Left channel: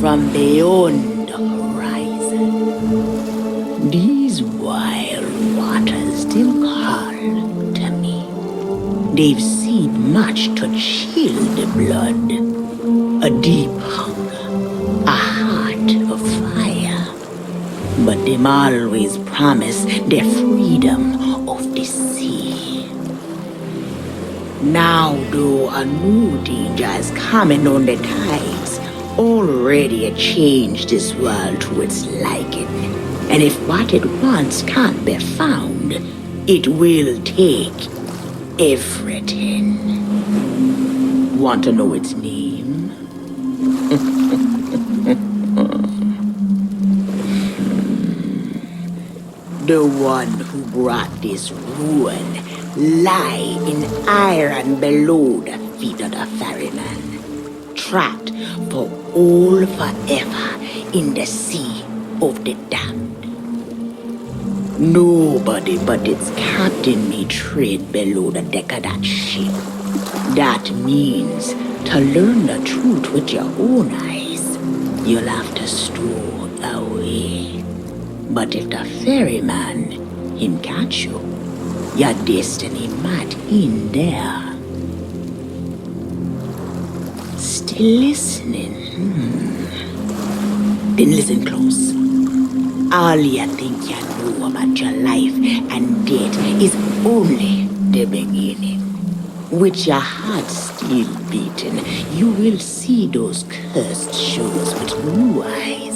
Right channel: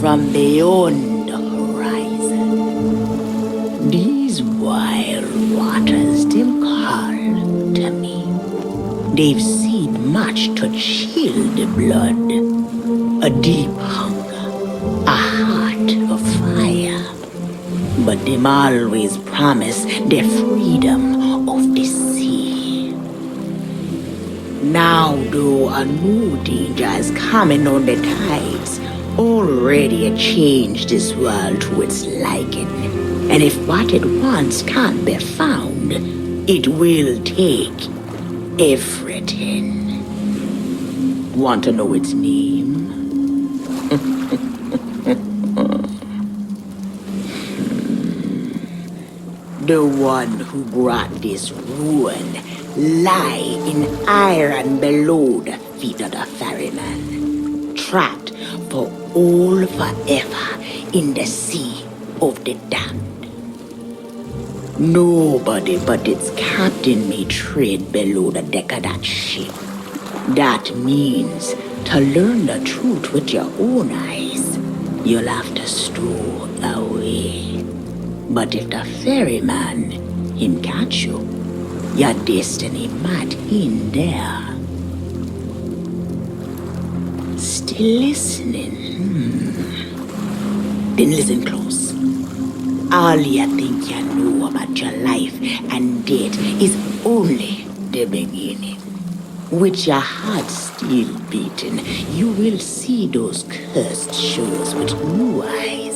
from beyond the horizon. These wild waters still call to me. They've seen much to chill the blood. A deep hunger, a heart of fire. But them always promise the freedom of the sea. Now, though, a new danger is coming on the tides, already changed this world to its liking. And if what it wants can't be found, it will take everything. Want to know its name? The one who brought this ruin lie in iron below the feet of the ferryman, trapped for all forever in the sea of the damned. Nobody but its captain may tread below the deck of that ship. That means to learn the truth with your own eyes, you'll have to stow away. But if the ferryman, him catch you, your destiny might end there. Still listening? Then listen close. All you think you know about your life and death is only the beginning. With your heart still beating, you will see those cursed shores with new eyes.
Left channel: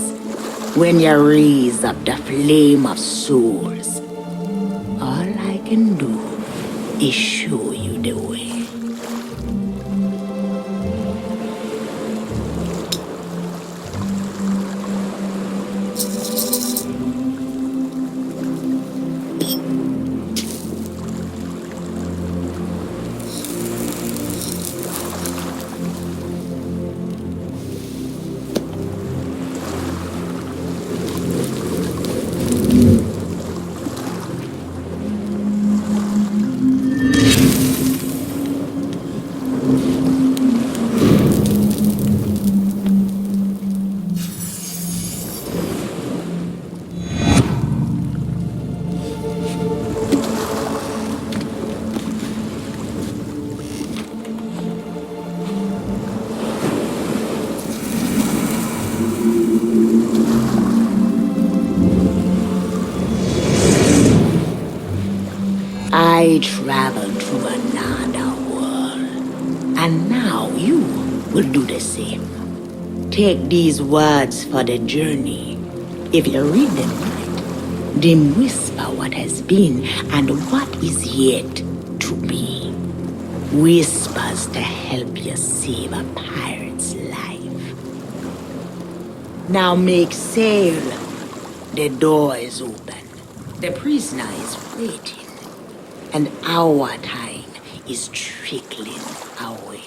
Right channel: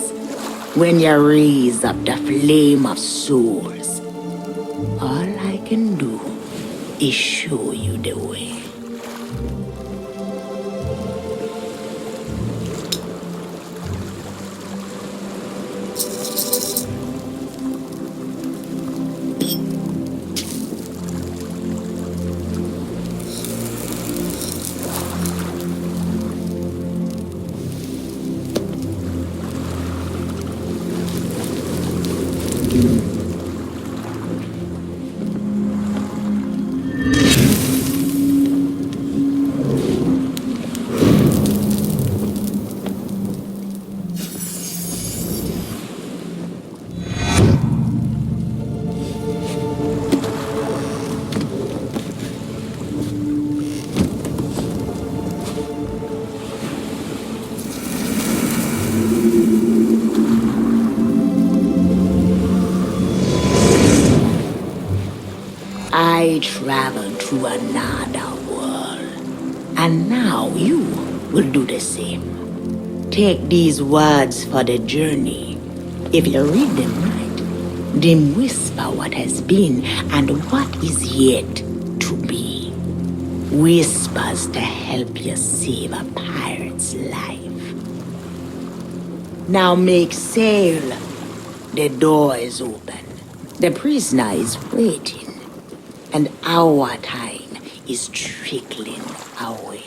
When you raise up the flame of souls, all I can do is show you the way. I traveled to another world, and now you will do the same. Take these words for the journey. If you read them right, they whisper what has been and what is yet to be. Whispers to help you save a pirate's life. Now make sail. The door is open. The prisoner is waiting. And our time is trickling away.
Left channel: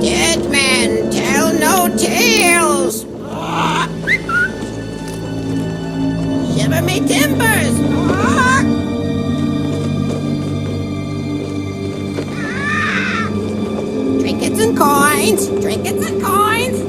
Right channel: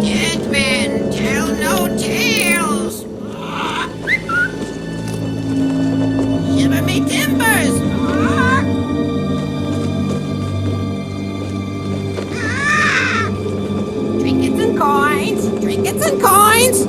Dead men tell no tales. Shiver me timbers. Trinkets and coins. Trinkets and coins.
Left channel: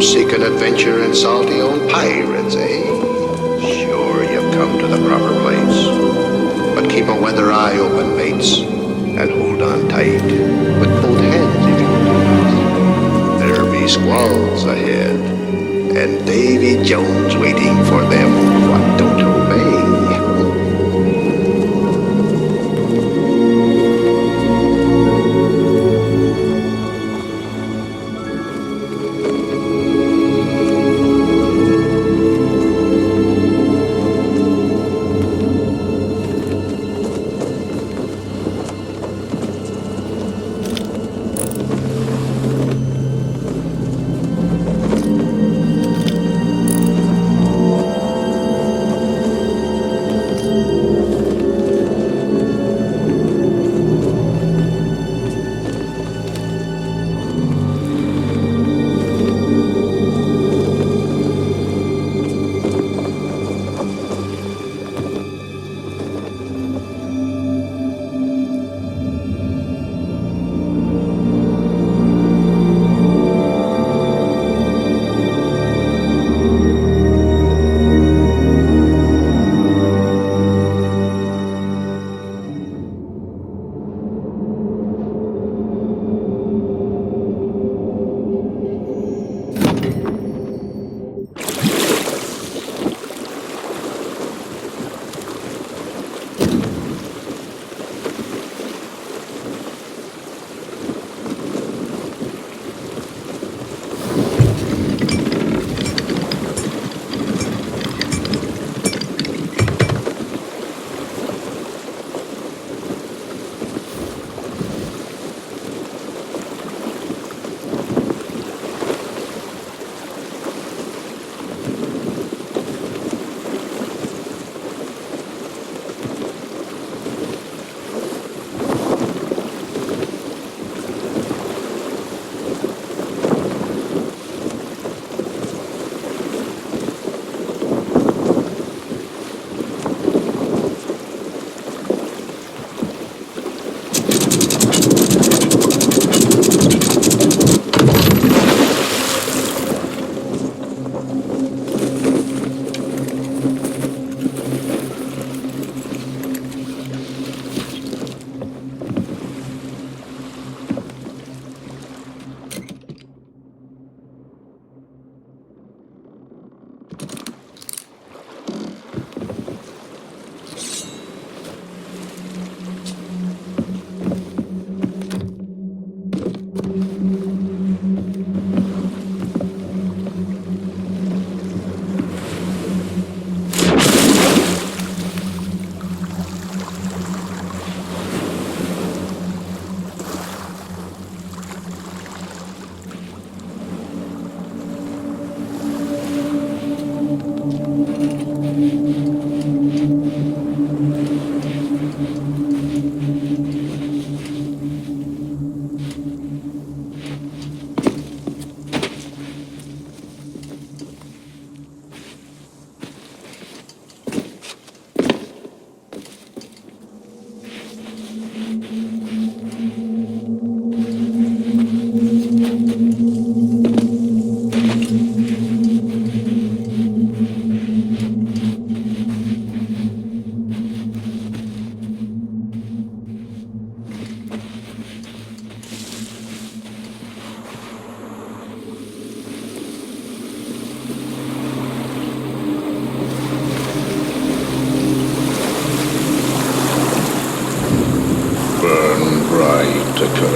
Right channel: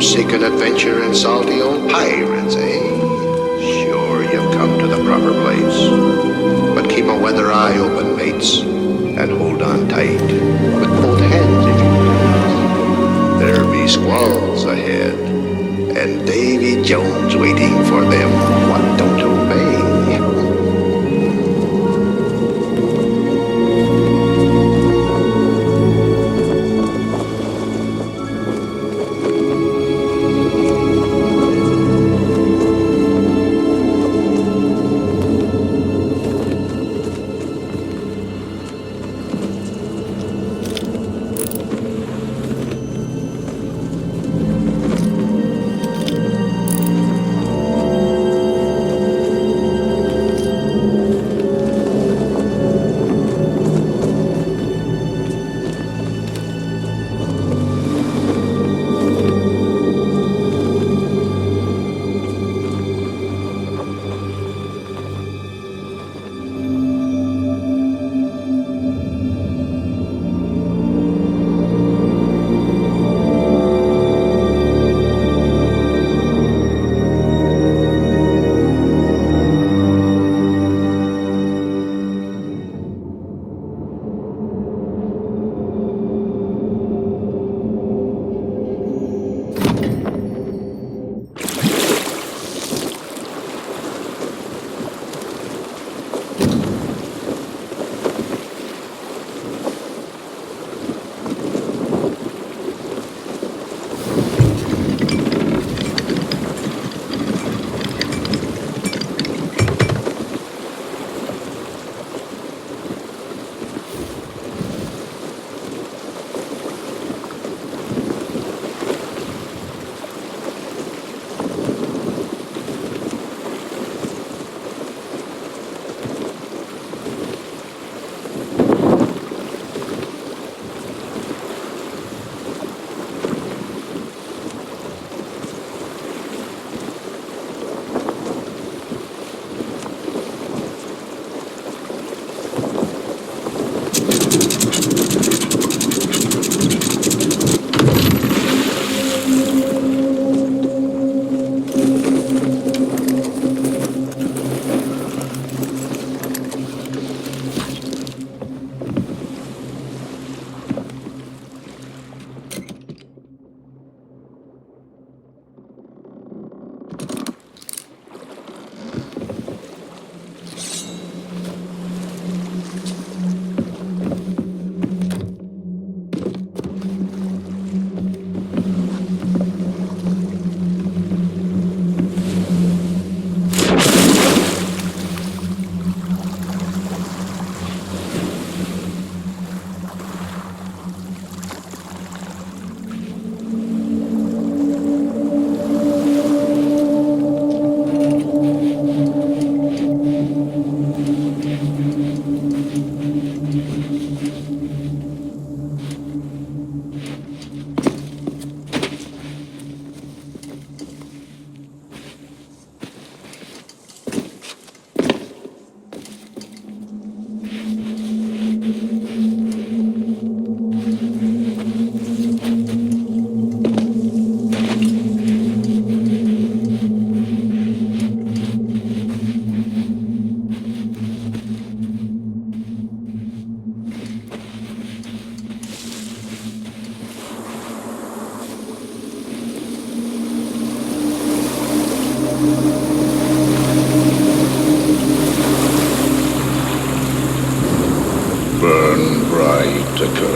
Seeking adventure and salty old pirates, eh? Sure, you've come to the proper place. But keep a weather eye open, mates, and hold on tight. With both hands, if you please. There be squalls ahead, and Davy Jones waiting for them what don't obey.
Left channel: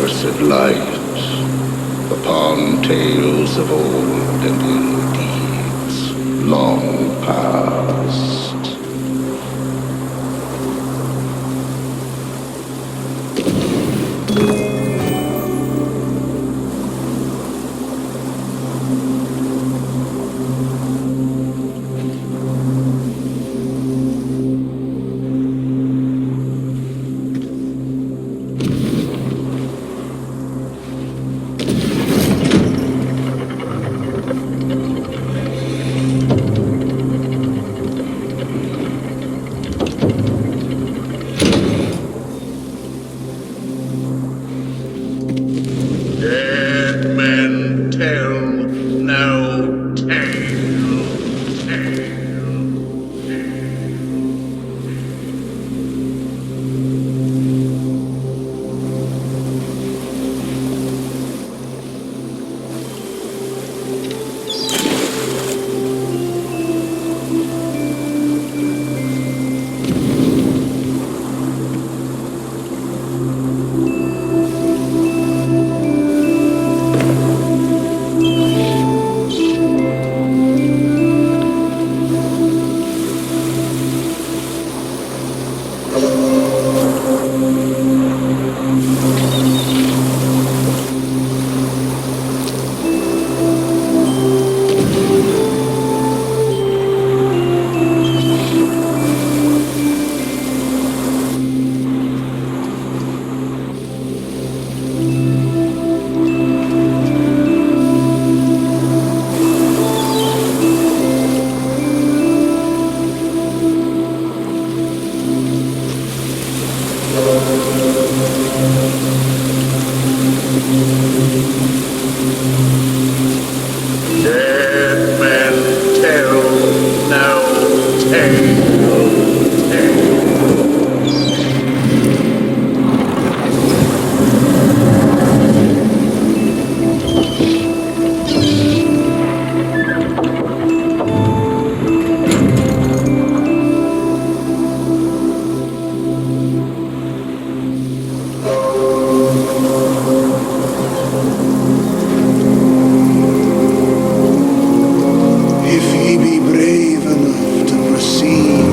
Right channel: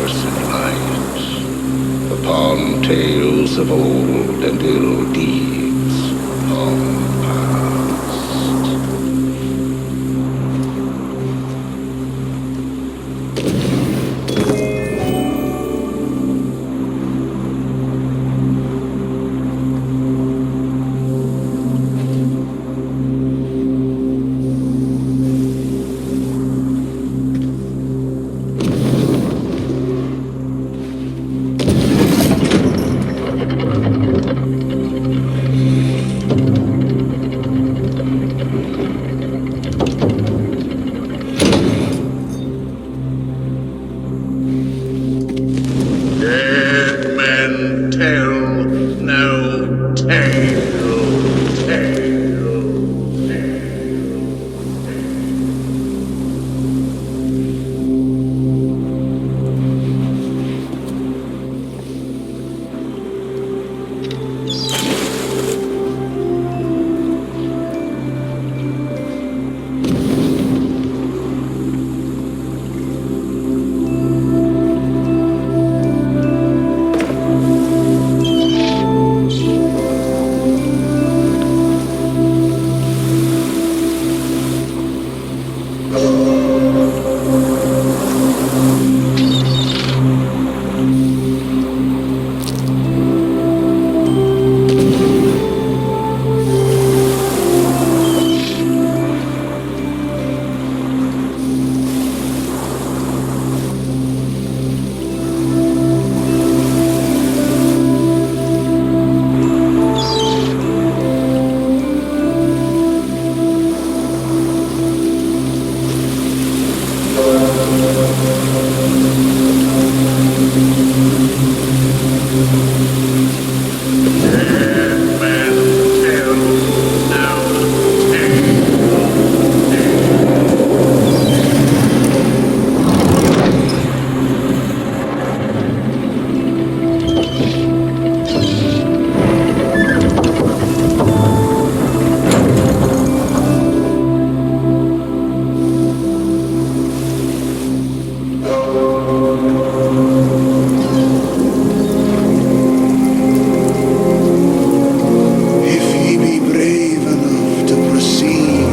accursed light upon tales of old and ill deeds long past. Dead men tell no tale. Dead men tell no tale. If ye be brave enough to proceed,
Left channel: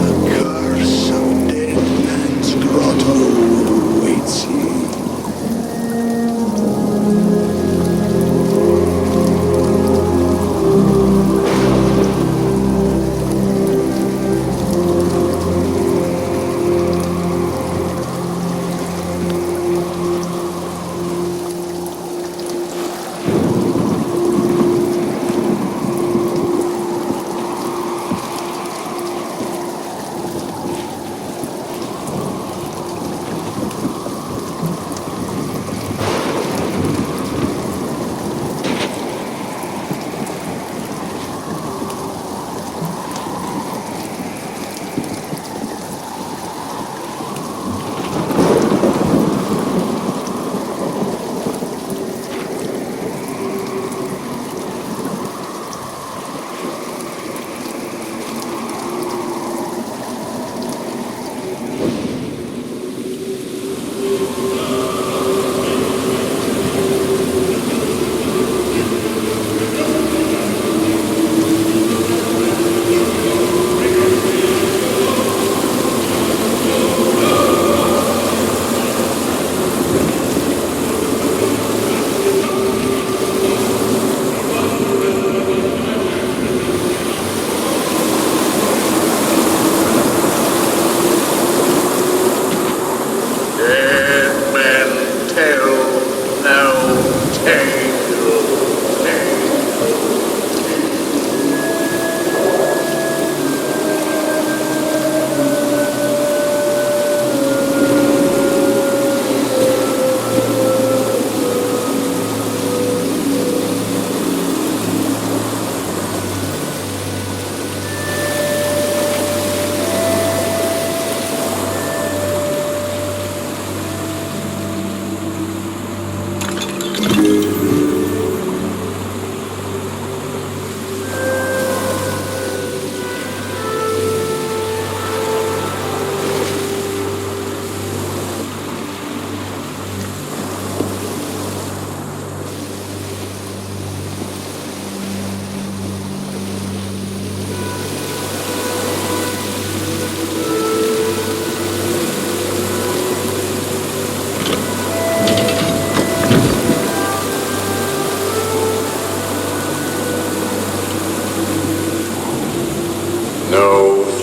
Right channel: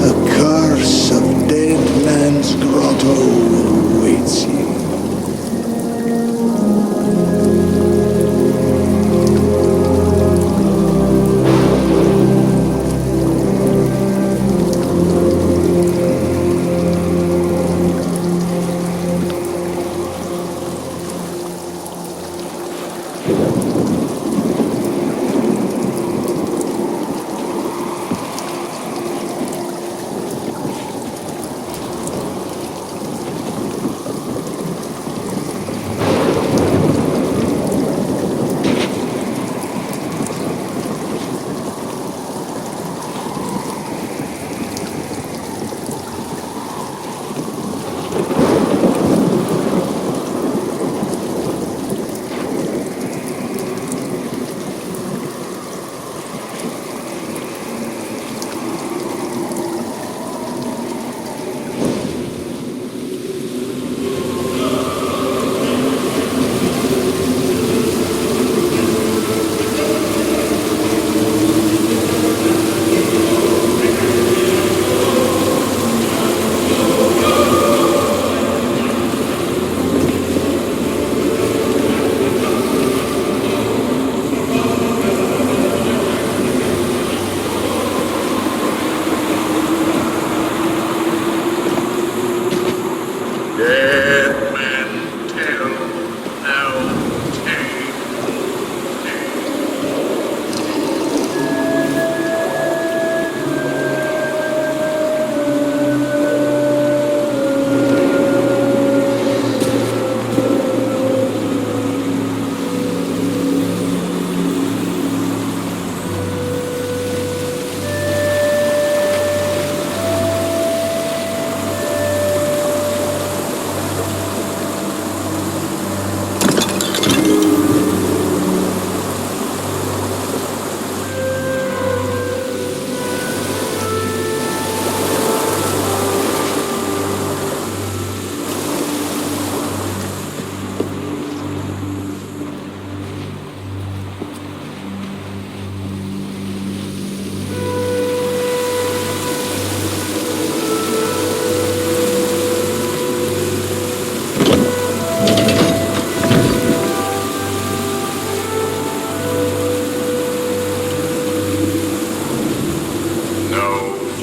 the curse of Dead Man's Grotto awaits ye.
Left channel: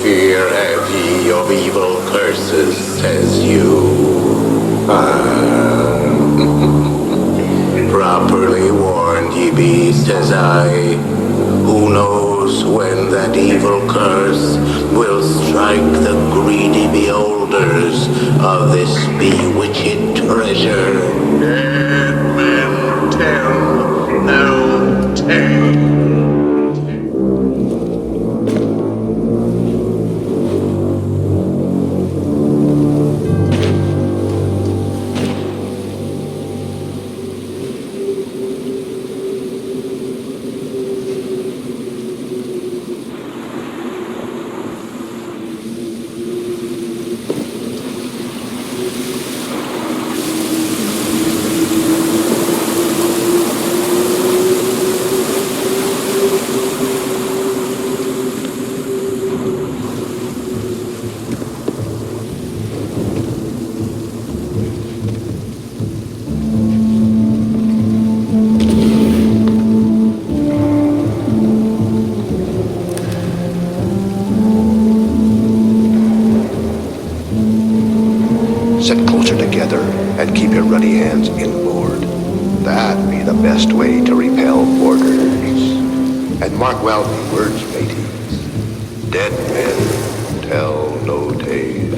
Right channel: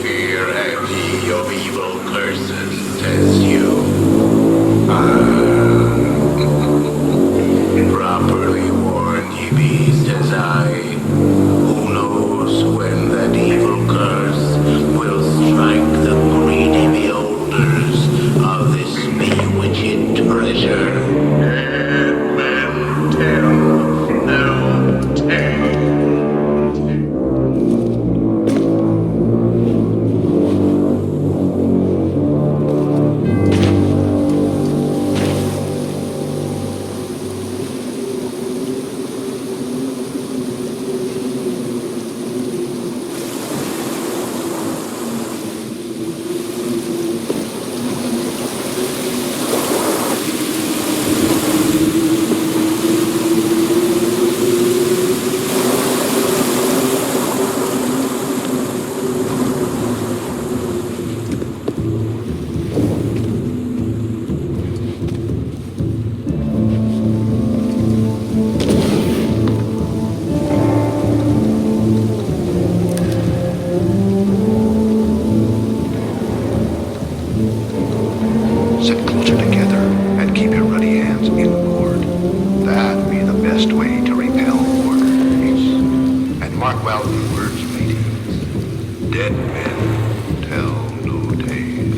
fear have ye of evil curses, says you. Properly warned ye be, says I. Who knows when that evil curse will strike the greedy beholders of this bewitched treasure? Dead men tell no tale. Sit closer together and keep your ruddy hands inboard. That be the best way to repel boarders. And mark well the words, mateys. Dead men tell no tale.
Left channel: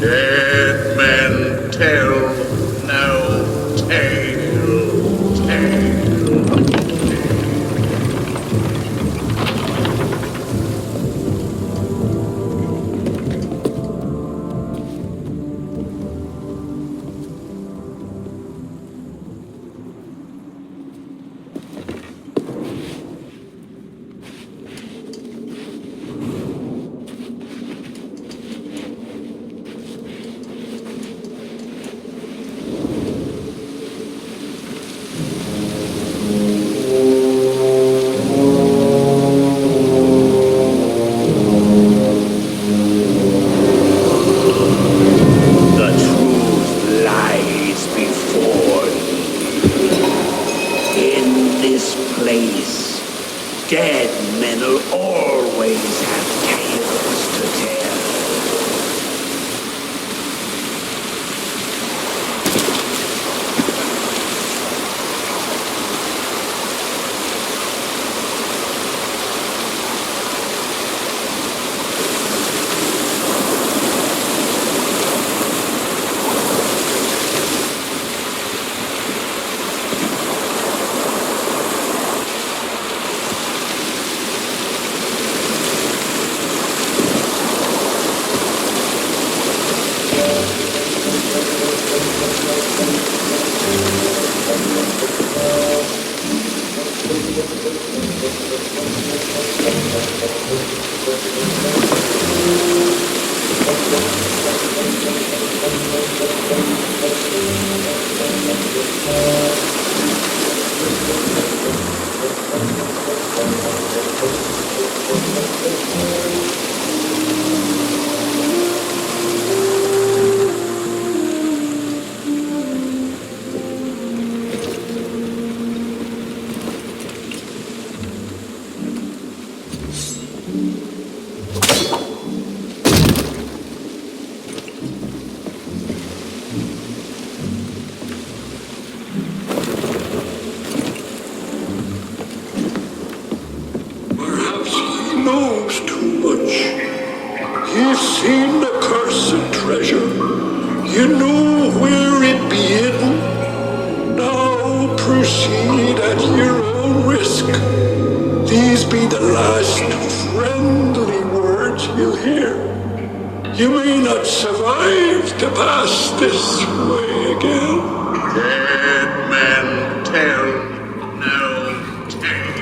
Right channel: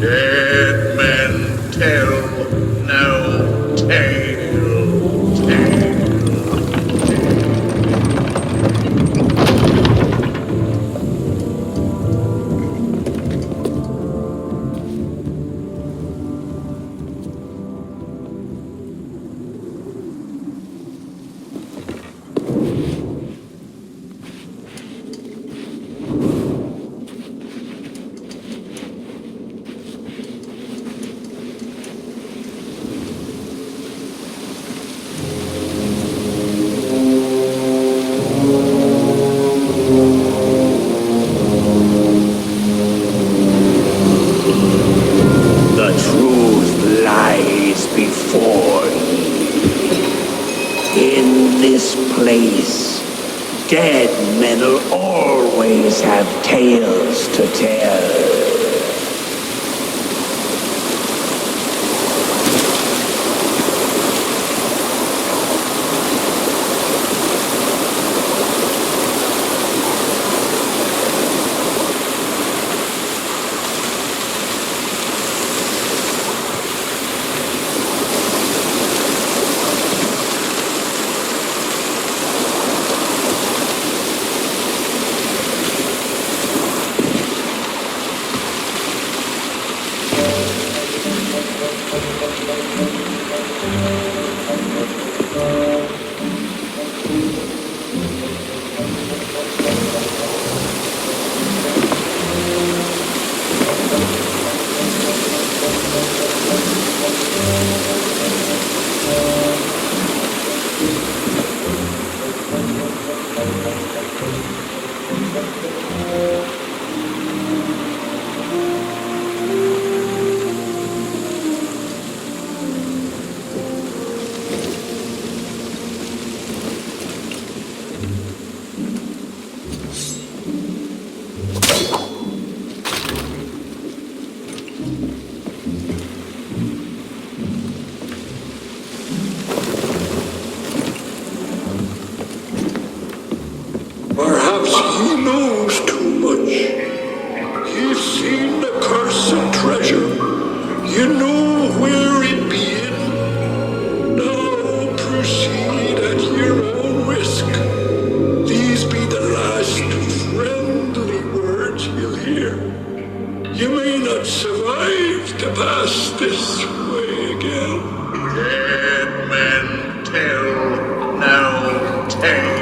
Dead men tell no tale, tale. The truth lies before ye. In this place, dead men'll always have tales to tell. knows too much. You've seen the cursed treasure. You know where it be hidden. Now proceed at your own risk. These be the last friendly words you'll hear. You may not survive to pass this way again. Dead men tell no tale.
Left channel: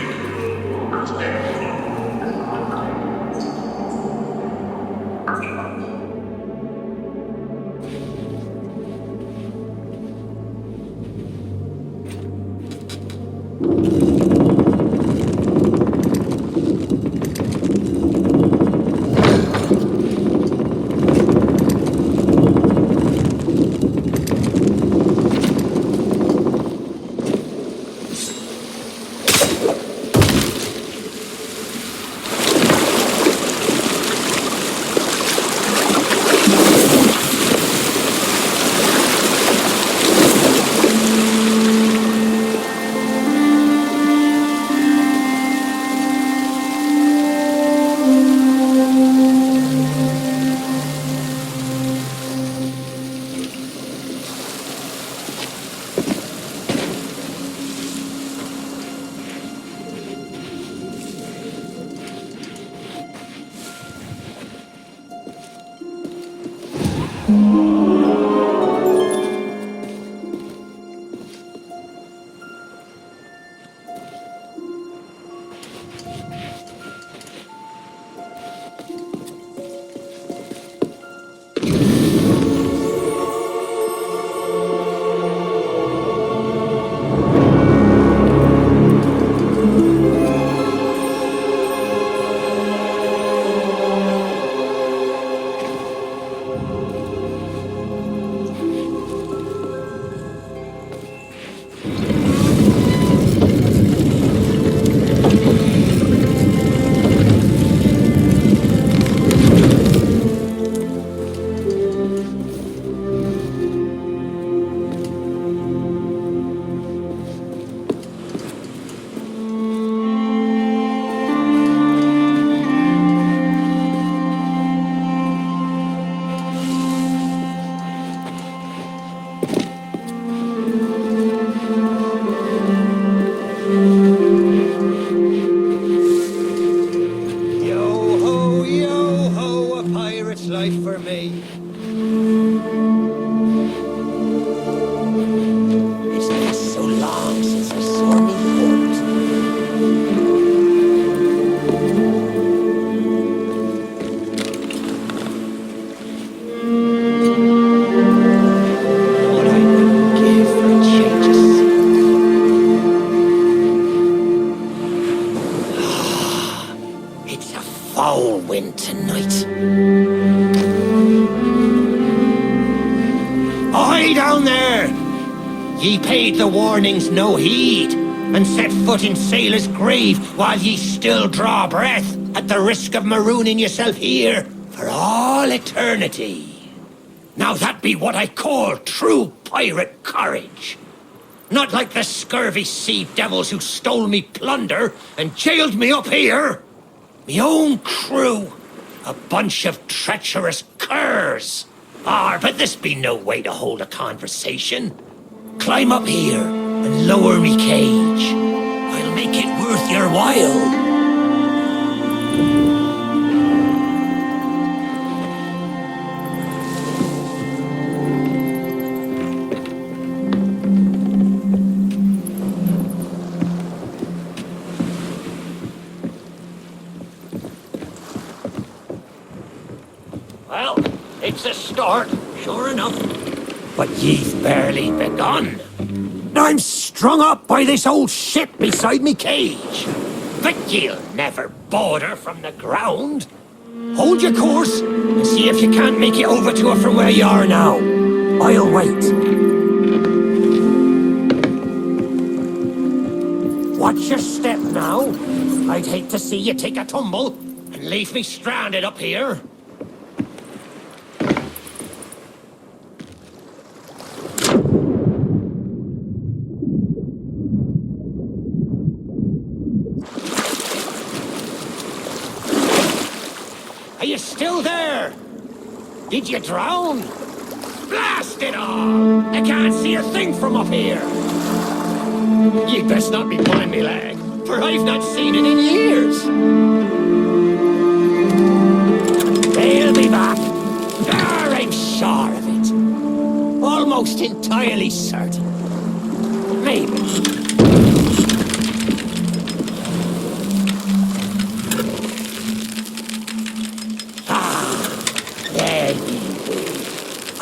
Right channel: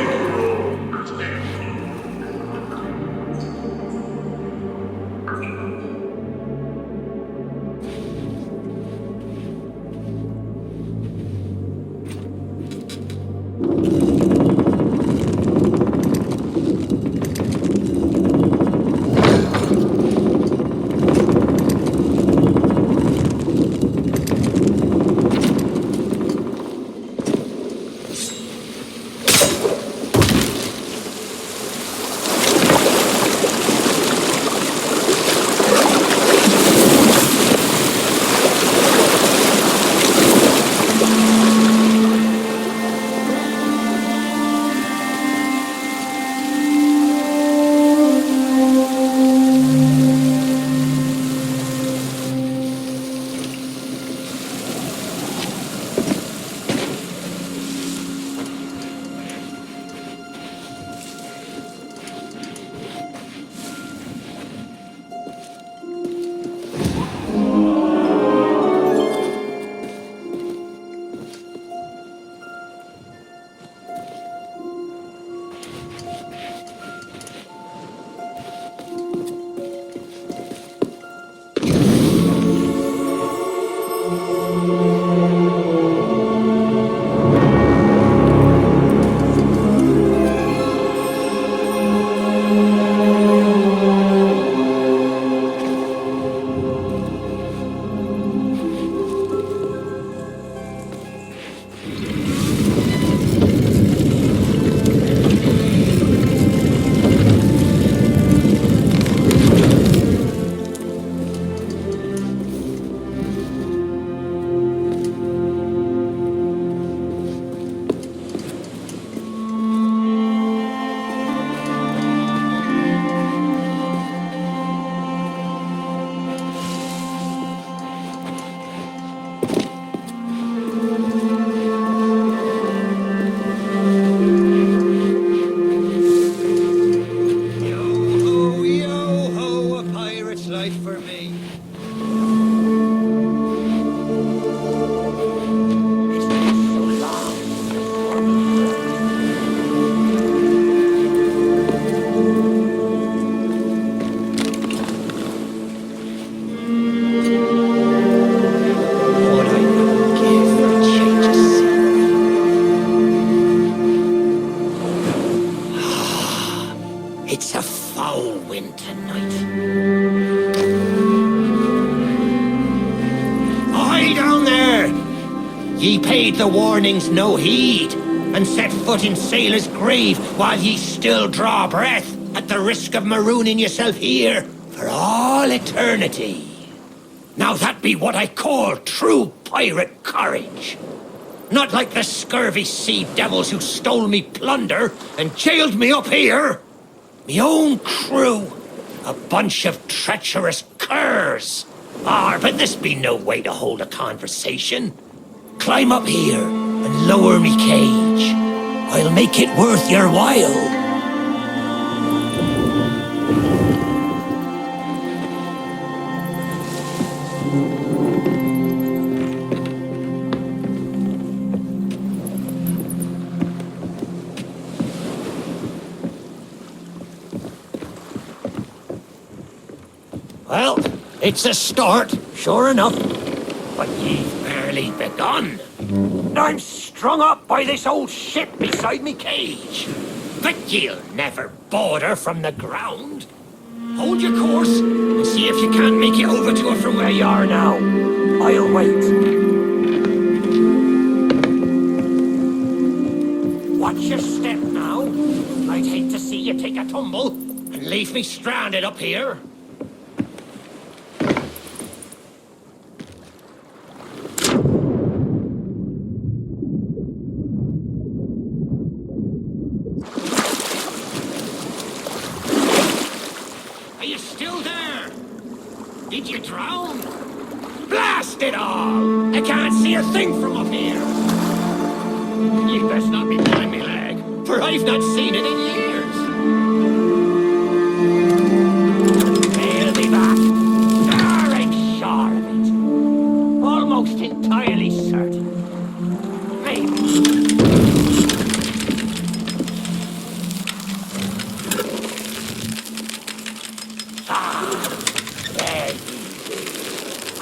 Yo ho, a pirate's life for me. It's been so long since I saw me. What I wouldn't give for a change of scene. It's a foul wind tonight. Ahoy down there! Ye paid the warnings no heed, and set foot in sailor's grave while ye still draw breath, at the risk of marooning yourself here for all eternity. Now that be what I call true pirate courage. Not like the scurvy sea devils who stole me plunder and jailed me up here. Me own crew, a bunch of treacherous curs. But this be no way to hold a conversation. Climb up here and lower me cage. I'll make it worth your while. Well, it's a start, sure enough. But ye've barely begun. I'm strung up by this old ship beside me cage. But ye'll never border from the ground. Hold your course and see if you can't make it over to her from where you are now. I'll wait. Watch your step now. I'd hate to see you take a tumble and leave me stranded up here. Did you drown? Blast it all! I can't see a thing from up here. You'd best not be pulling me leg, for I've not seen it in years. They'll be back. I'm sure of it. Almost entirely certain. Maybe.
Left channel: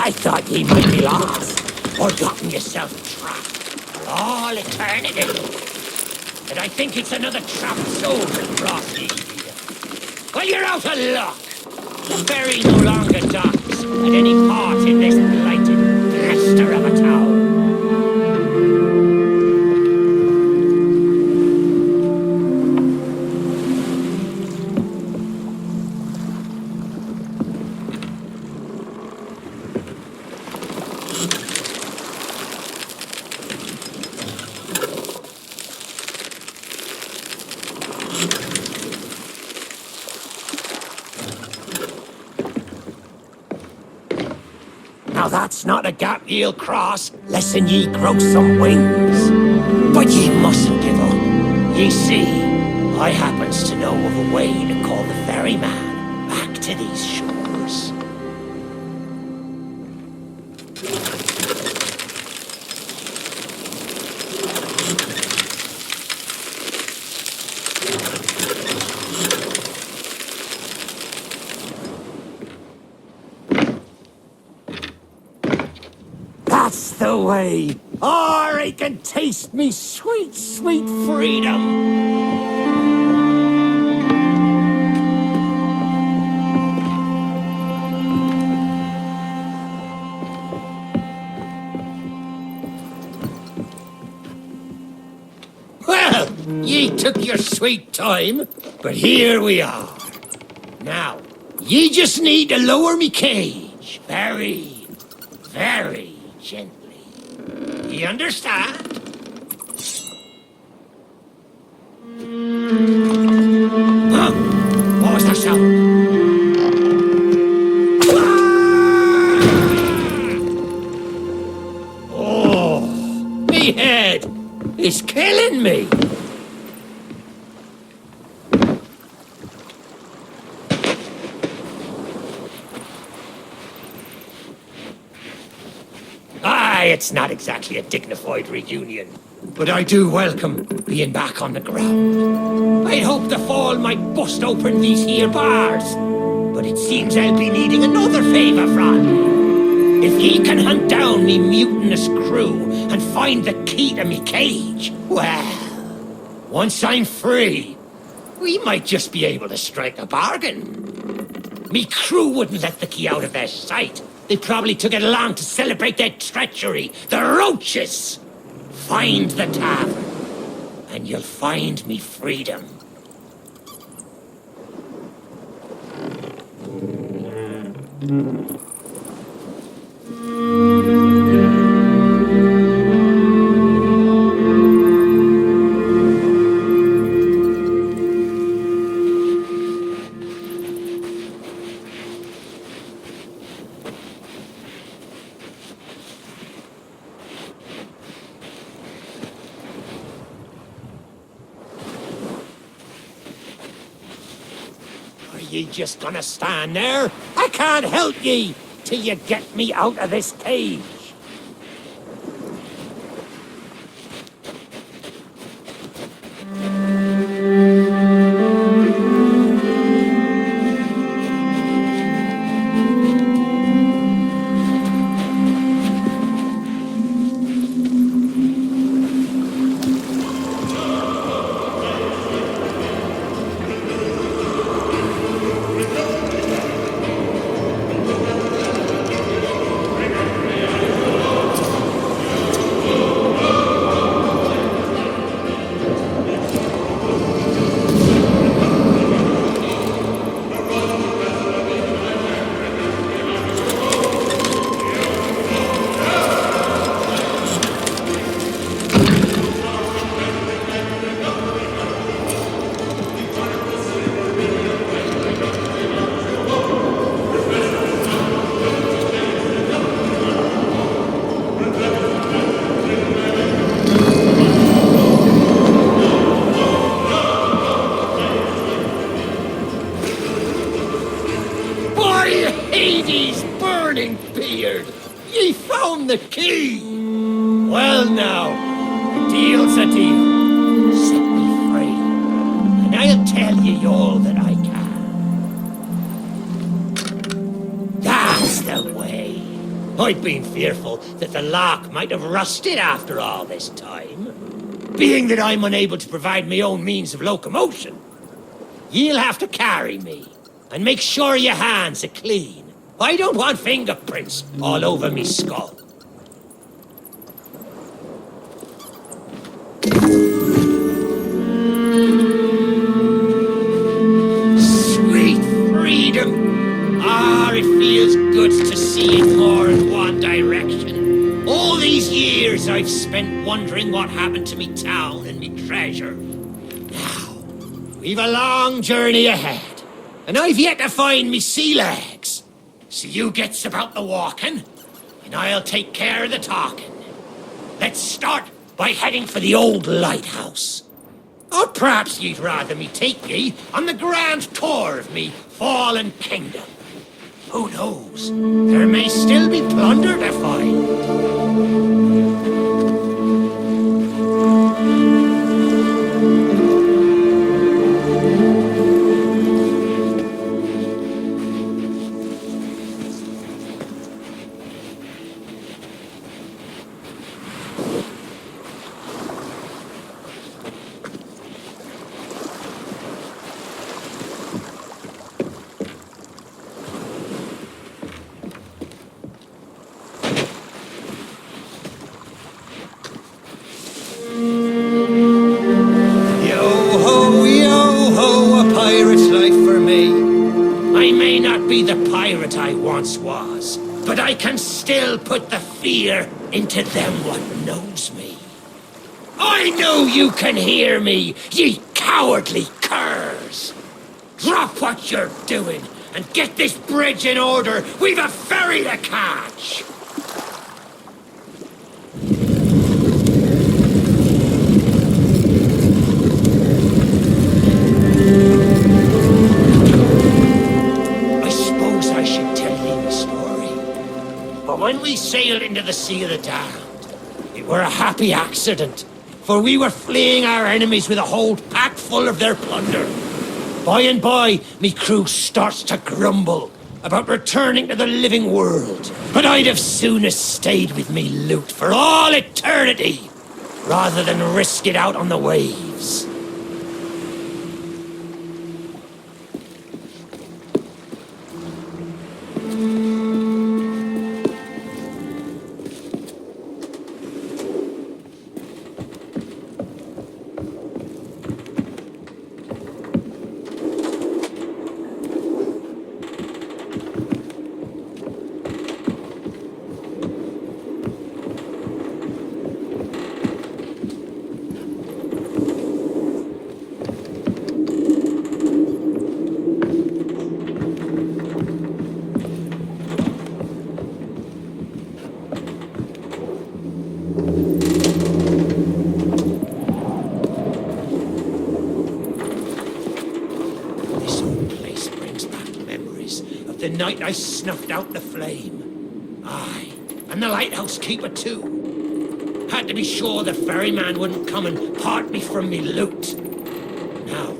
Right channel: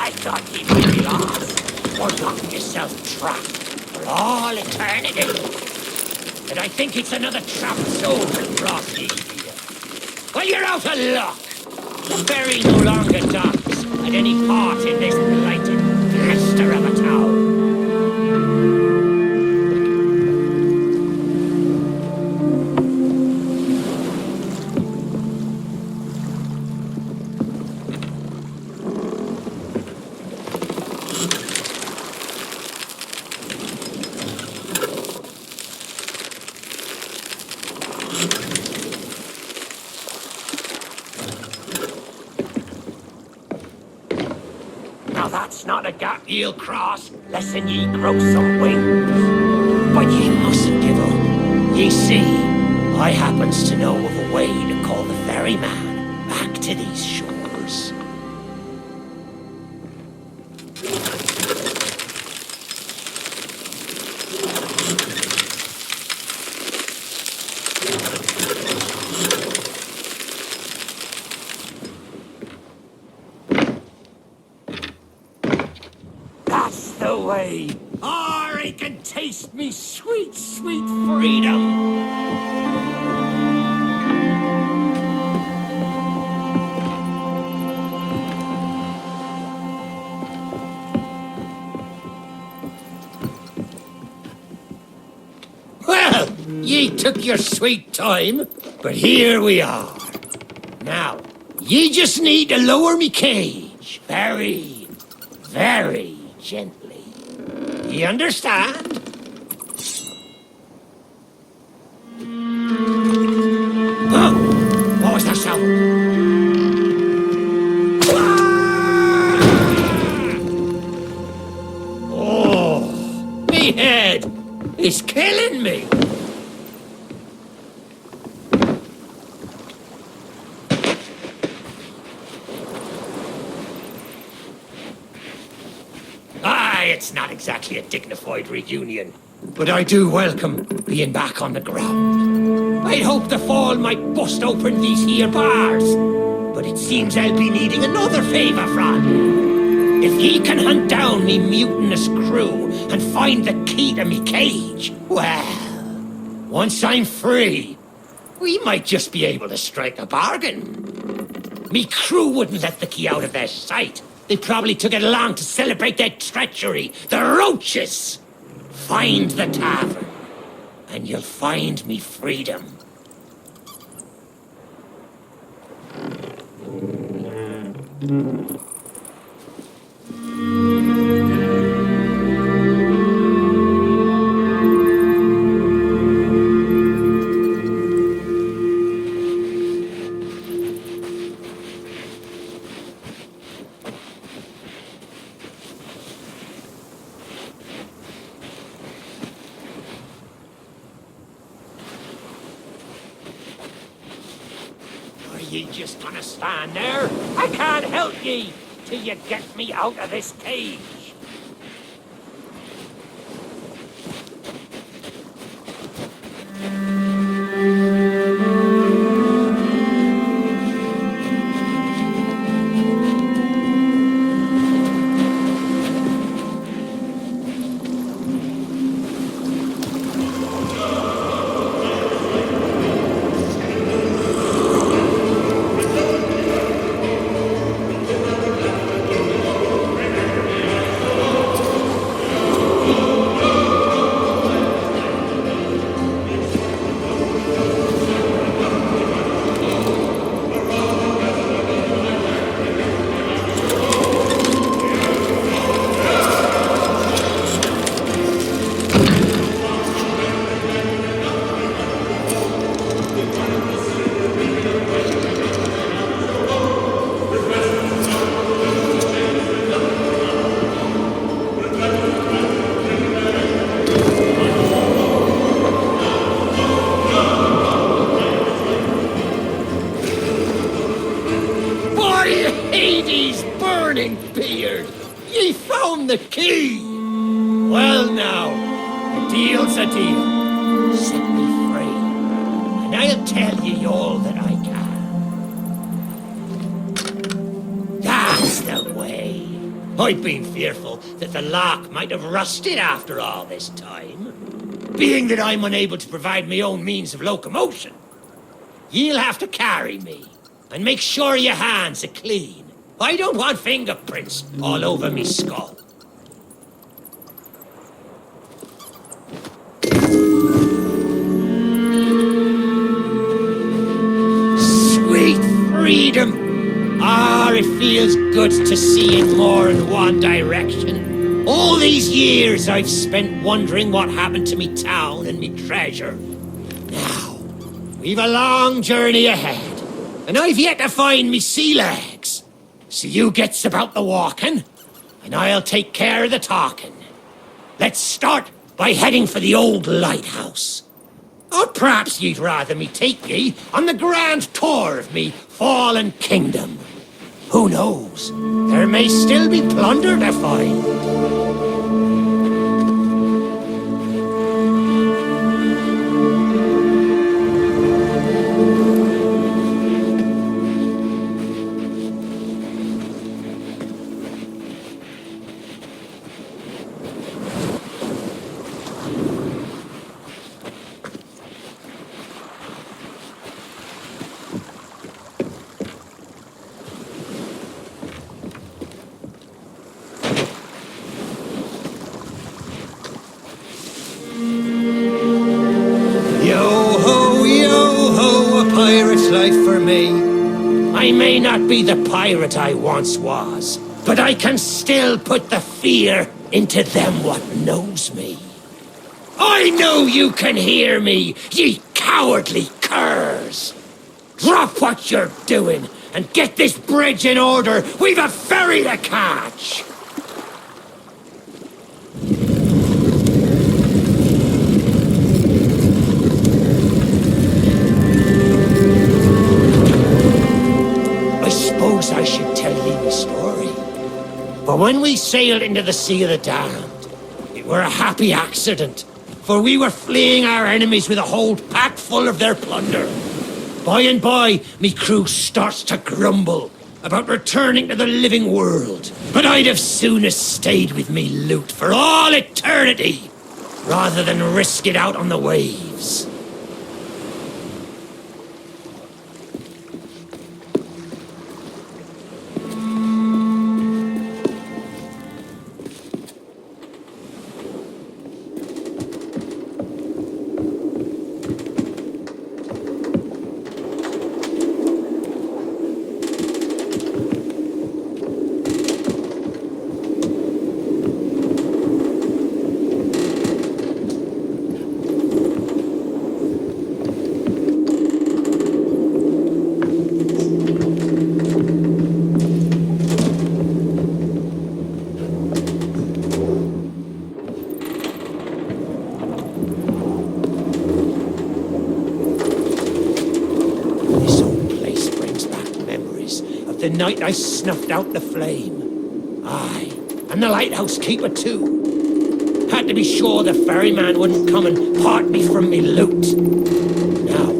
I thought ye might be lost, or gotten yourself trapped for all eternity. And I think it's another trapped soul that brought ye here. Well, you're out of luck. The ferry no longer docks at any part in this blighted cluster of a town. That's not a gap ye'll cross, less'n ye grow some wings. But ye mustn't give up. Ye see, I happens to know of a way to call the ferryman back to these shores. Way. Or I can taste me sweet, sweet freedom. Well, ye took your sweet time, but here we are. Now, ye just need to lower me cage very, very gently. You understand? Huh? What was that sound? Ah! Oh, me head is killing me. It's not exactly a dignified reunion, but I do welcome being back on the ground. I'd hoped the fall might bust open these here bars, but it seems I'll be needing another favour from you. If ye can hunt down me mutinous crew and find the key to me cage, well, once I'm free, we might just be able to strike a bargain. Me crew wouldn't let the key out of their sight. They probably took it along to celebrate their treachery. The roaches! Find the tavern, and you'll find me freedom. Are ye just gonna stand there? I can't help ye till you get me out of this cage. burning beard! Ye found the key! Well now, a deal's a deal. Set me free, and I'll tell ye all that I can. That's the way. I've been fearful that the lock might have rusted after all this time. Being that I'm unable to provide my own means of locomotion, you'll have to carry me, and make sure your hands are clean. I don't want fingerprints all over me skull. Sweet freedom! Ah, it feels good to see in more than one direction. All these years I've spent wondering what happened to me town and me treasure. Now, we've a long journey ahead, and I've yet to find me sea legs. So you gets about the walking, and I'll take care of the talking. Let's start by heading for the old lighthouse. Or perhaps you'd rather me take ye on the grand tour of me fallen kingdom. Who knows? There may still be plunder to find. Yo-ho, a pirate's life for me. I may not be the pirate I once was, but I can still put the fear into them what knows me. I know you can hear me, ye cowardly curs! Drop what you're doing and get this bridge in order. We've a ferry to catch! I suppose I should tell ye my story. But when we sailed into the Sea of the Damned, it were a happy accident, for we were fleeing our enemies with a hold pack full of their plunder. By and by, me crew starts to grumble about returning to the living world. But I'd have sooner stayed with me loot for all eternity, rather than risk it out on the waves. The night I snuffed out the flame. Aye, and the lighthouse keeper too. Had to be sure the ferryman wouldn't come and part me from me loot. Now,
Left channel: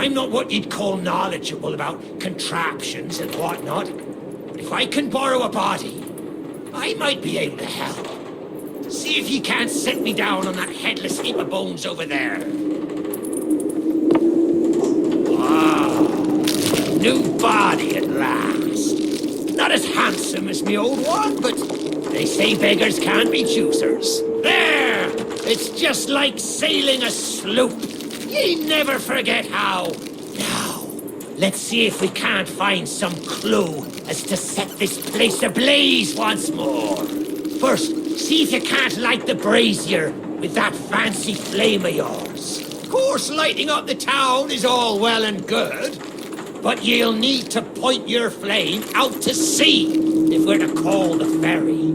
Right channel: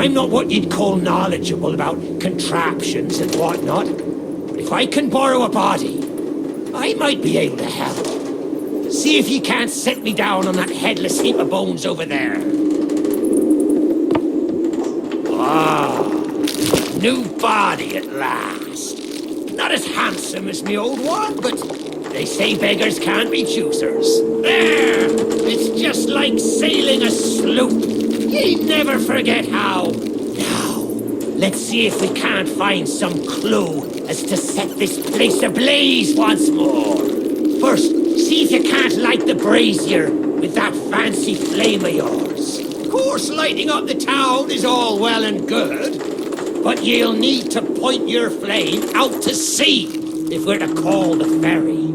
I'm not what you'd call knowledgeable about contraptions and whatnot, but if I can borrow a body, I might be able to help. See if you can't set me down on that headless heap of bones over there. Ah. New body at last. Not as handsome as me old one, but they say beggars can't be choosers. There! It's just like sailing a sloop. Ye never forget how. Now, let's see if we can't find some clue as to set this place ablaze once more. First, see if you can't light the brazier with that fancy flame of yours. Of course, lighting up the town is all well and good, but you'll need to point your flame out to sea if we're to call the ferry.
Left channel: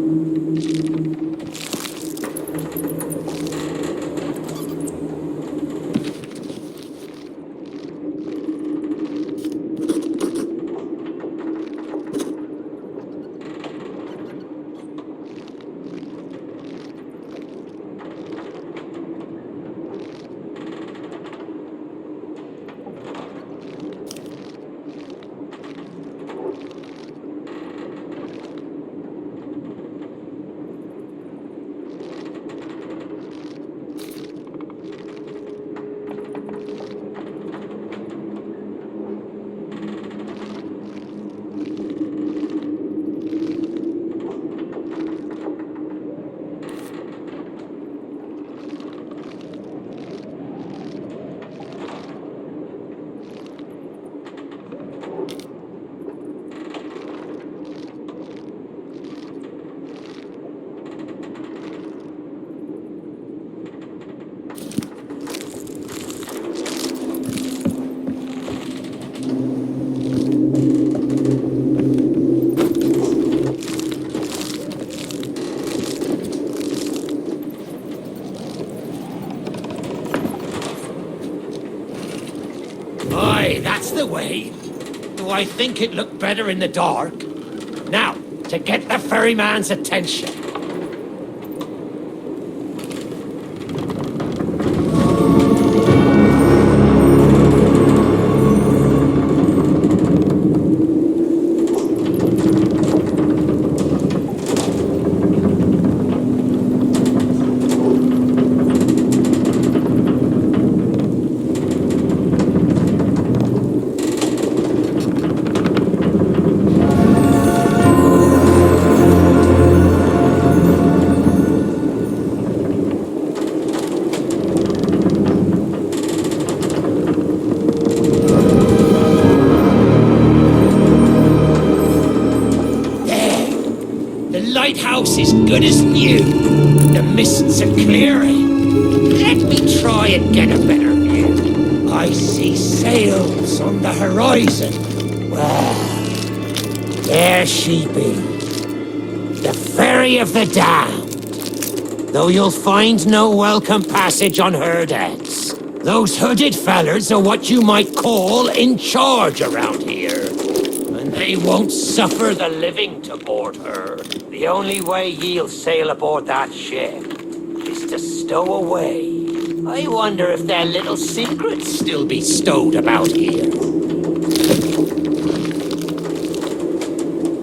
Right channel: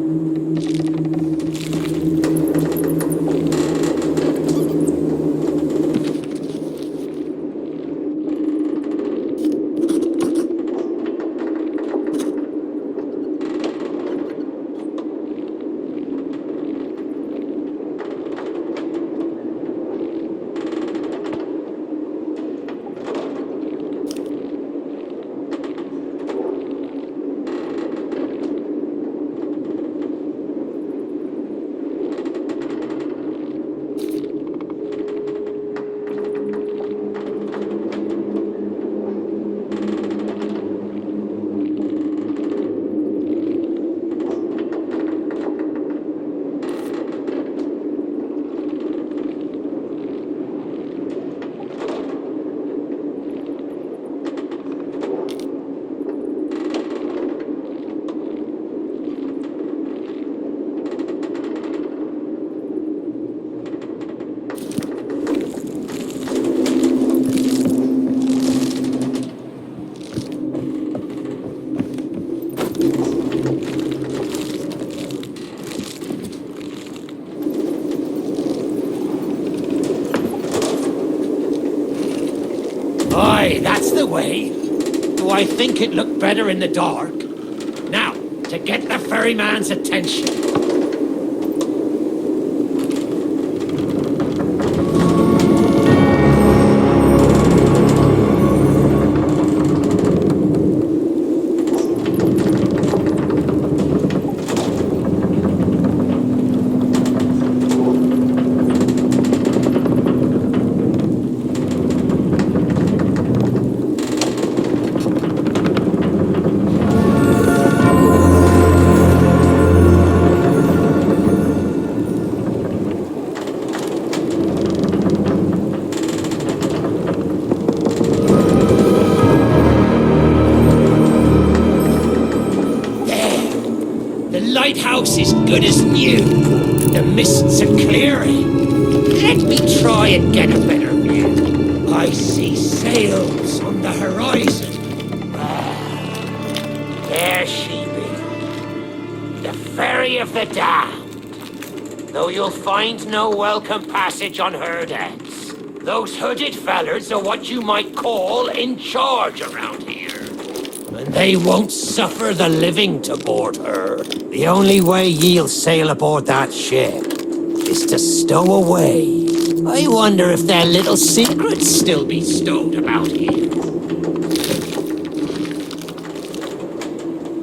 Aye, that's the way. Do I think it looked better in the dark? Now, to get the ferryman's attention. The lighthouse is good as new. The mists are clearing. Let me try and get a better view. I see sails on the horizon. Well, there she be. The Ferry of the Damned. Though you'll find no welcome passage on her decks. Those hooded fellers are what you might call in charge around here. And they won't suffer the living to board her. The only way ye'll sail aboard that ship is to stow away. I wonder if their little secrets still be stowed about here.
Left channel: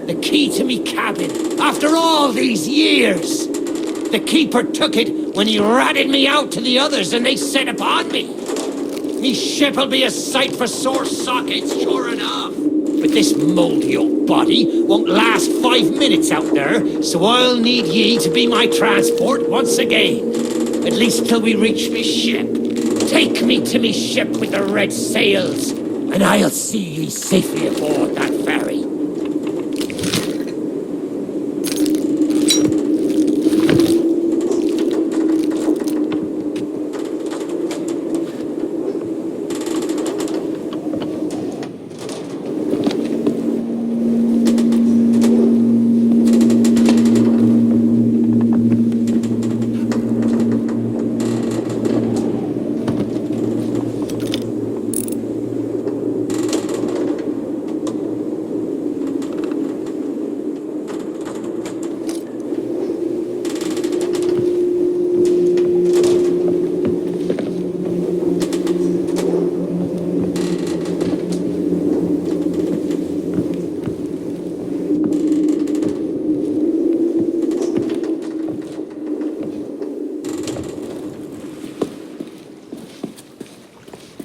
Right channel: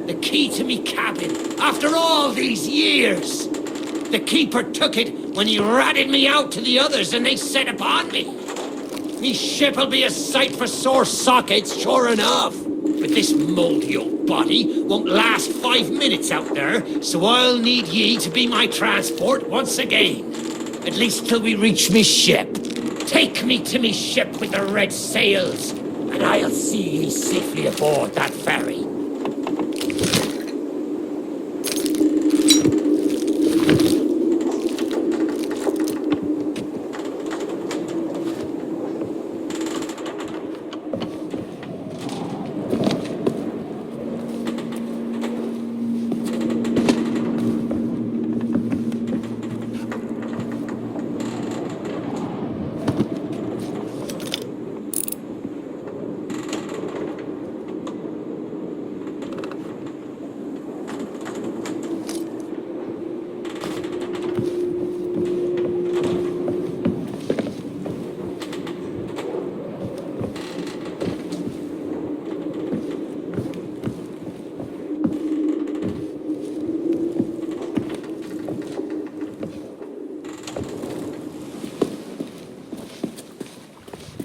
The key to me cabin, after all these years. The keeper took it when he ratted me out to the others and they set upon me. Me ship'll be a sight for sore sockets, sure enough. But this mouldy old body won't last 5 minutes out there, so I'll need ye to be my transport once again. At least till we reach me ship. Take me to me ship with the red sails, and I'll see ye safely aboard that ferry.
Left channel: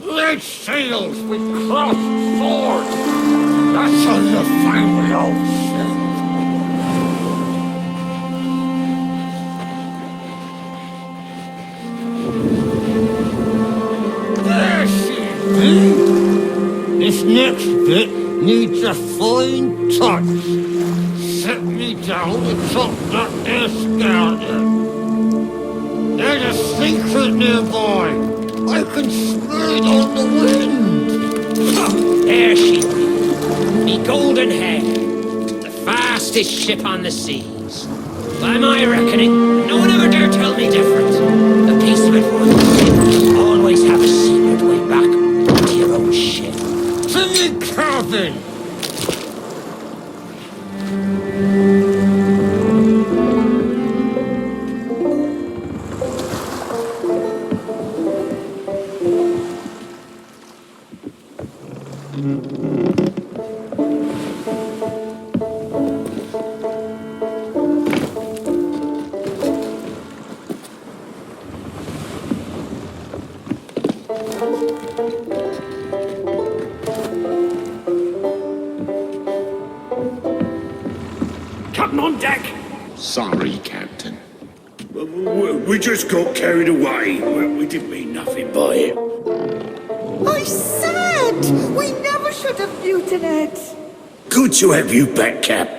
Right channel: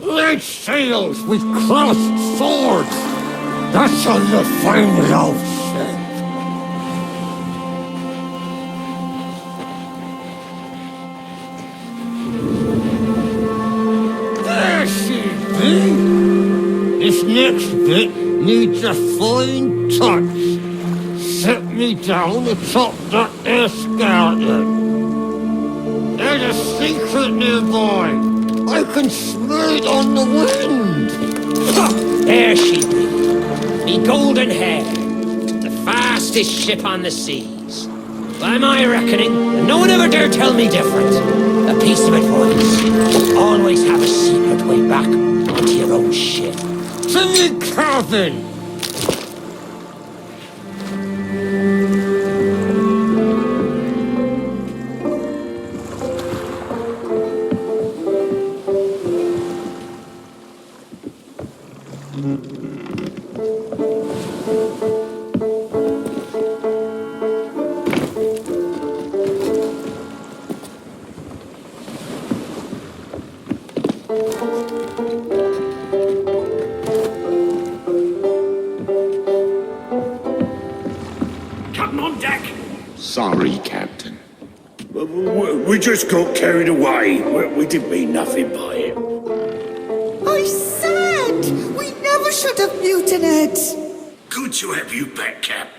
Red sails with crossed swords. That's how you find it out, ship. There she be. This next bit needs a fine touch. Set me down atop that there skeleton. There's a secret nearby. I can smell it on the wind! Ha! There she be. Me golden hair. The fastest ship on the seas. By my reckoning, and no one ever dare tell me different. A piece of advice. Always have a secret way back to your own ship. To me cabin! Captain on deck! Sorry, Captain. We just got carried away. We didn't mean nothing by it. I said we never should have mutinied. Good to have you back, Cap.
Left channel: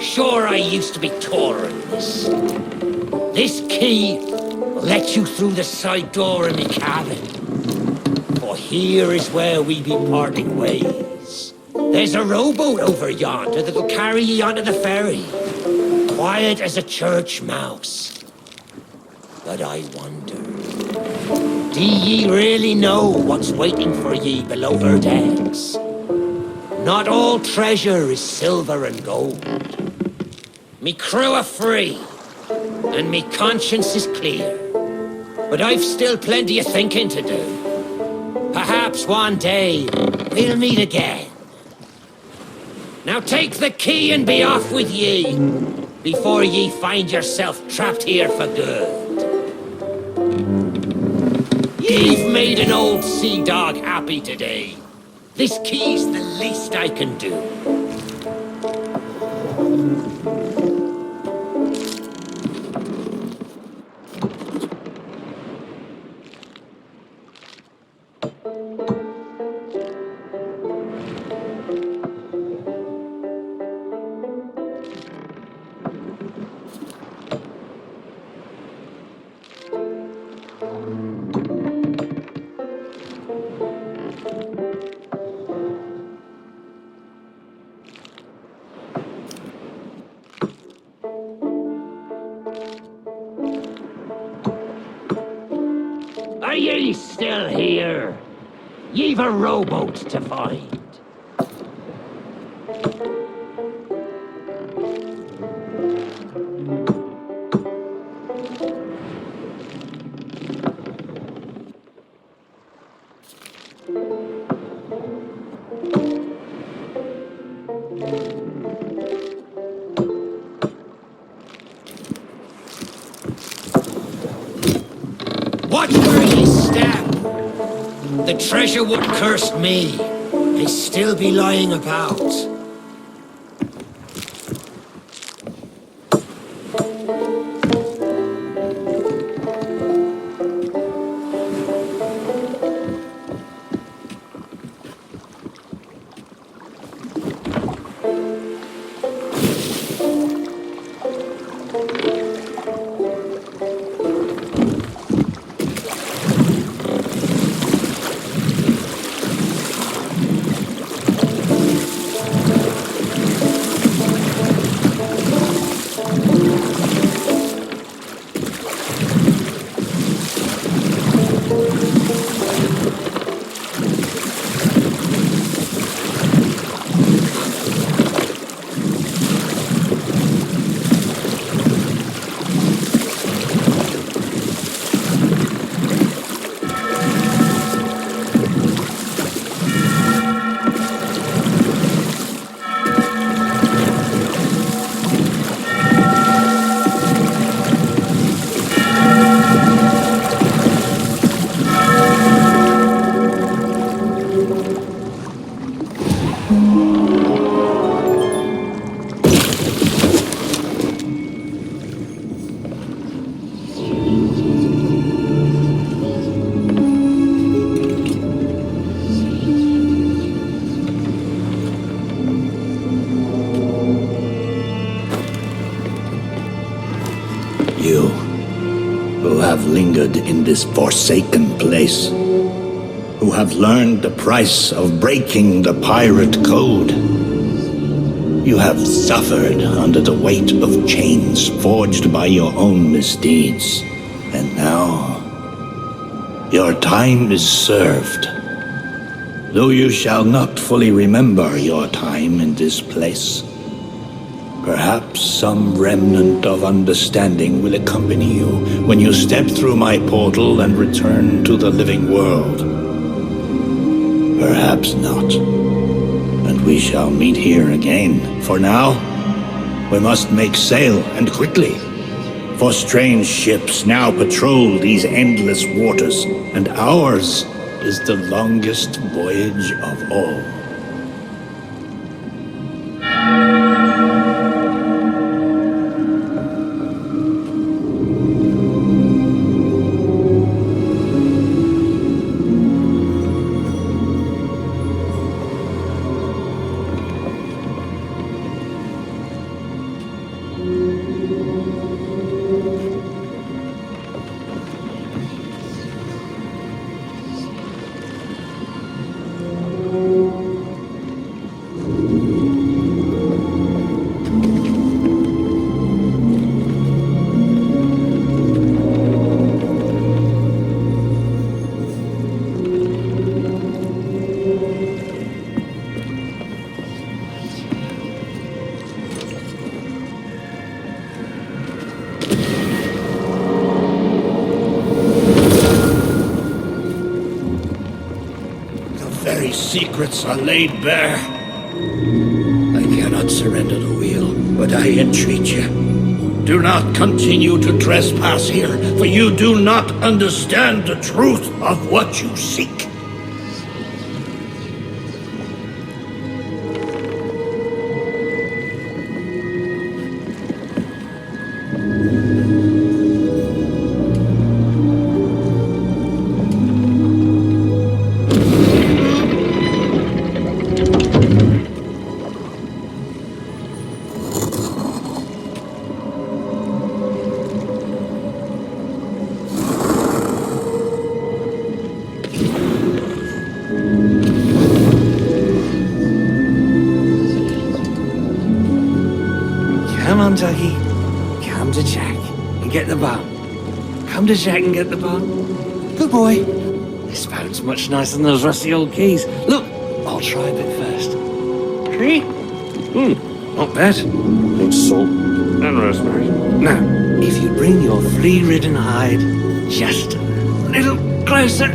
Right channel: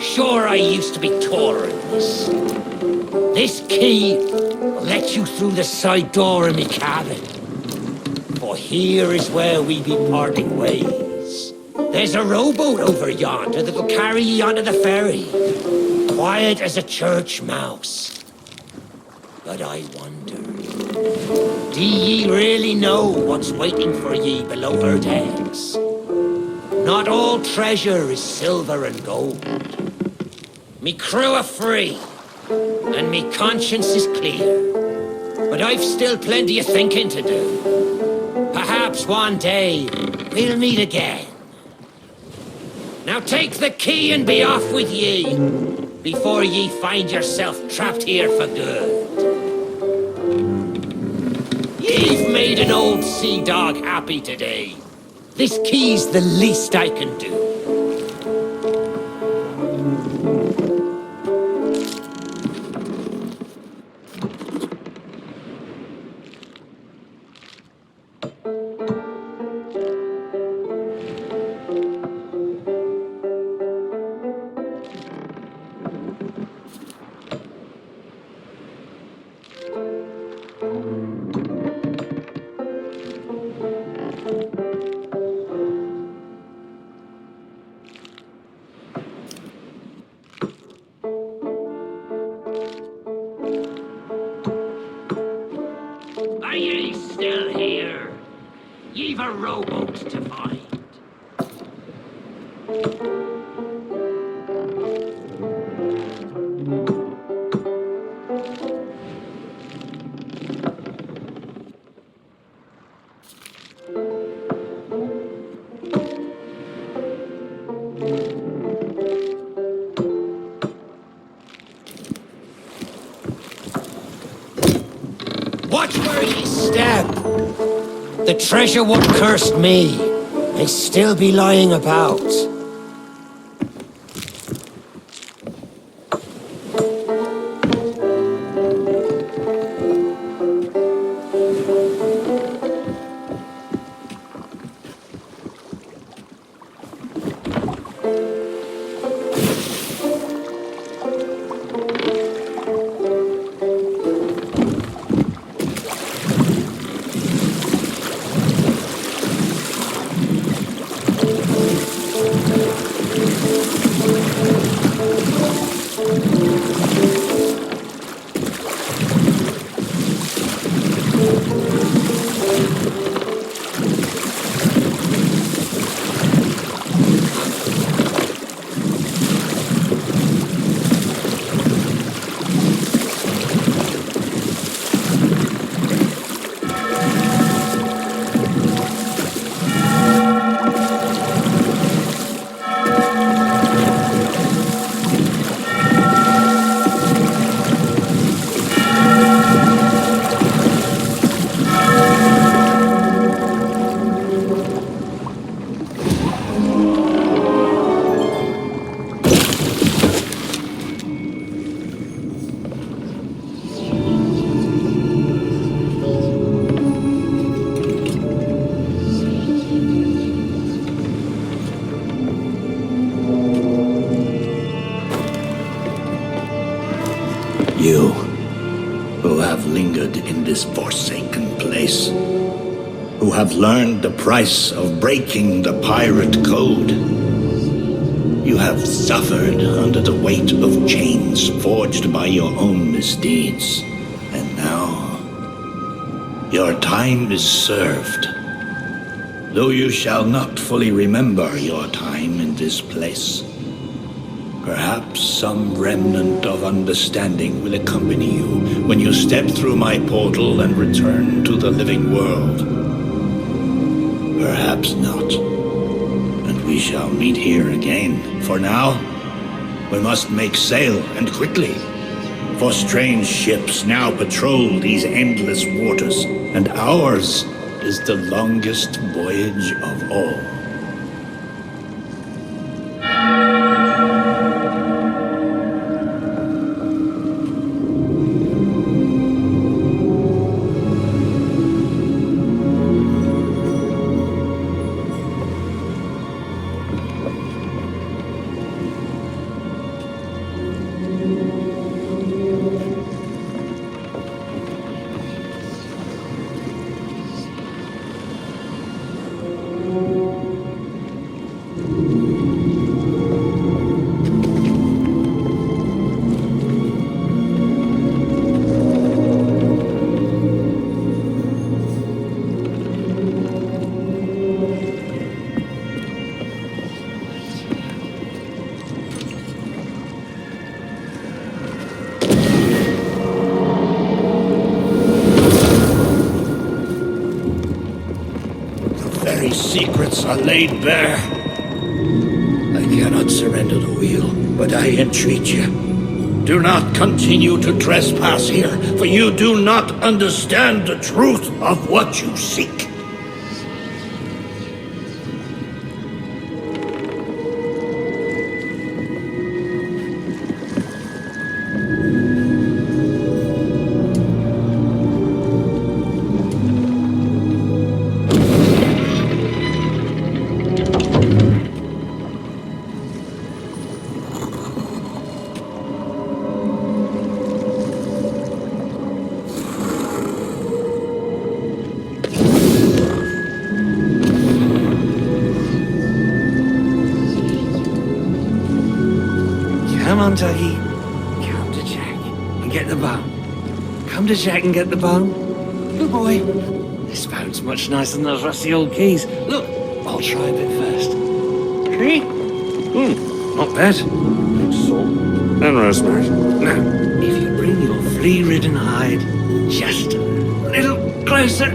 Sure, I used to be taller than this. This key will let you through the side door in me cabin. For here is where we be parting ways. There's a rowboat over yonder that'll carry ye onto the ferry. Quiet as a church mouse. But I wonder, do ye really know what's waiting for ye below her decks? Not all treasure is silver and gold. Me crew are free, and me conscience is clear. But I've still plenty of thinking to do. Perhaps one day we'll meet again. Now take the key and be off with ye, before ye find yourself trapped here for good. Ye've made an old sea dog happy today. This key's the least I can do. Are ye still here? Ye've a rowboat to find. Watch where ye step. The treasure what cursed me may still be lying about. You, who have lingered in this forsaken place, who have learned the price of breaking the pirate code. You have suffered under the weight of chains forged by your own misdeeds, and now your time is served. Though you shall not fully remember your time in this place, perhaps some remnant of understanding will accompany you when you step through my portal and return to the living world. Perhaps not, and we shall meet here again. For now, we must make sail, and quickly, for strange ships now patrol these endless waters, and ours is the longest voyage of all. very secrets are laid bare. I cannot surrender the wheel, but I entreat you. Do not continue to trespass here, for you do not understand the truth of what you seek. Come on, Dougie. Come to Jack and get the bone. Come to Jack and get the bone. Good boy. This bone's much nicer than those rusty old keys. Look, I'll try a bit first. See? Not bad. Good salt and rosemary. Now, if you bring your flea-ridden hide just a little closer.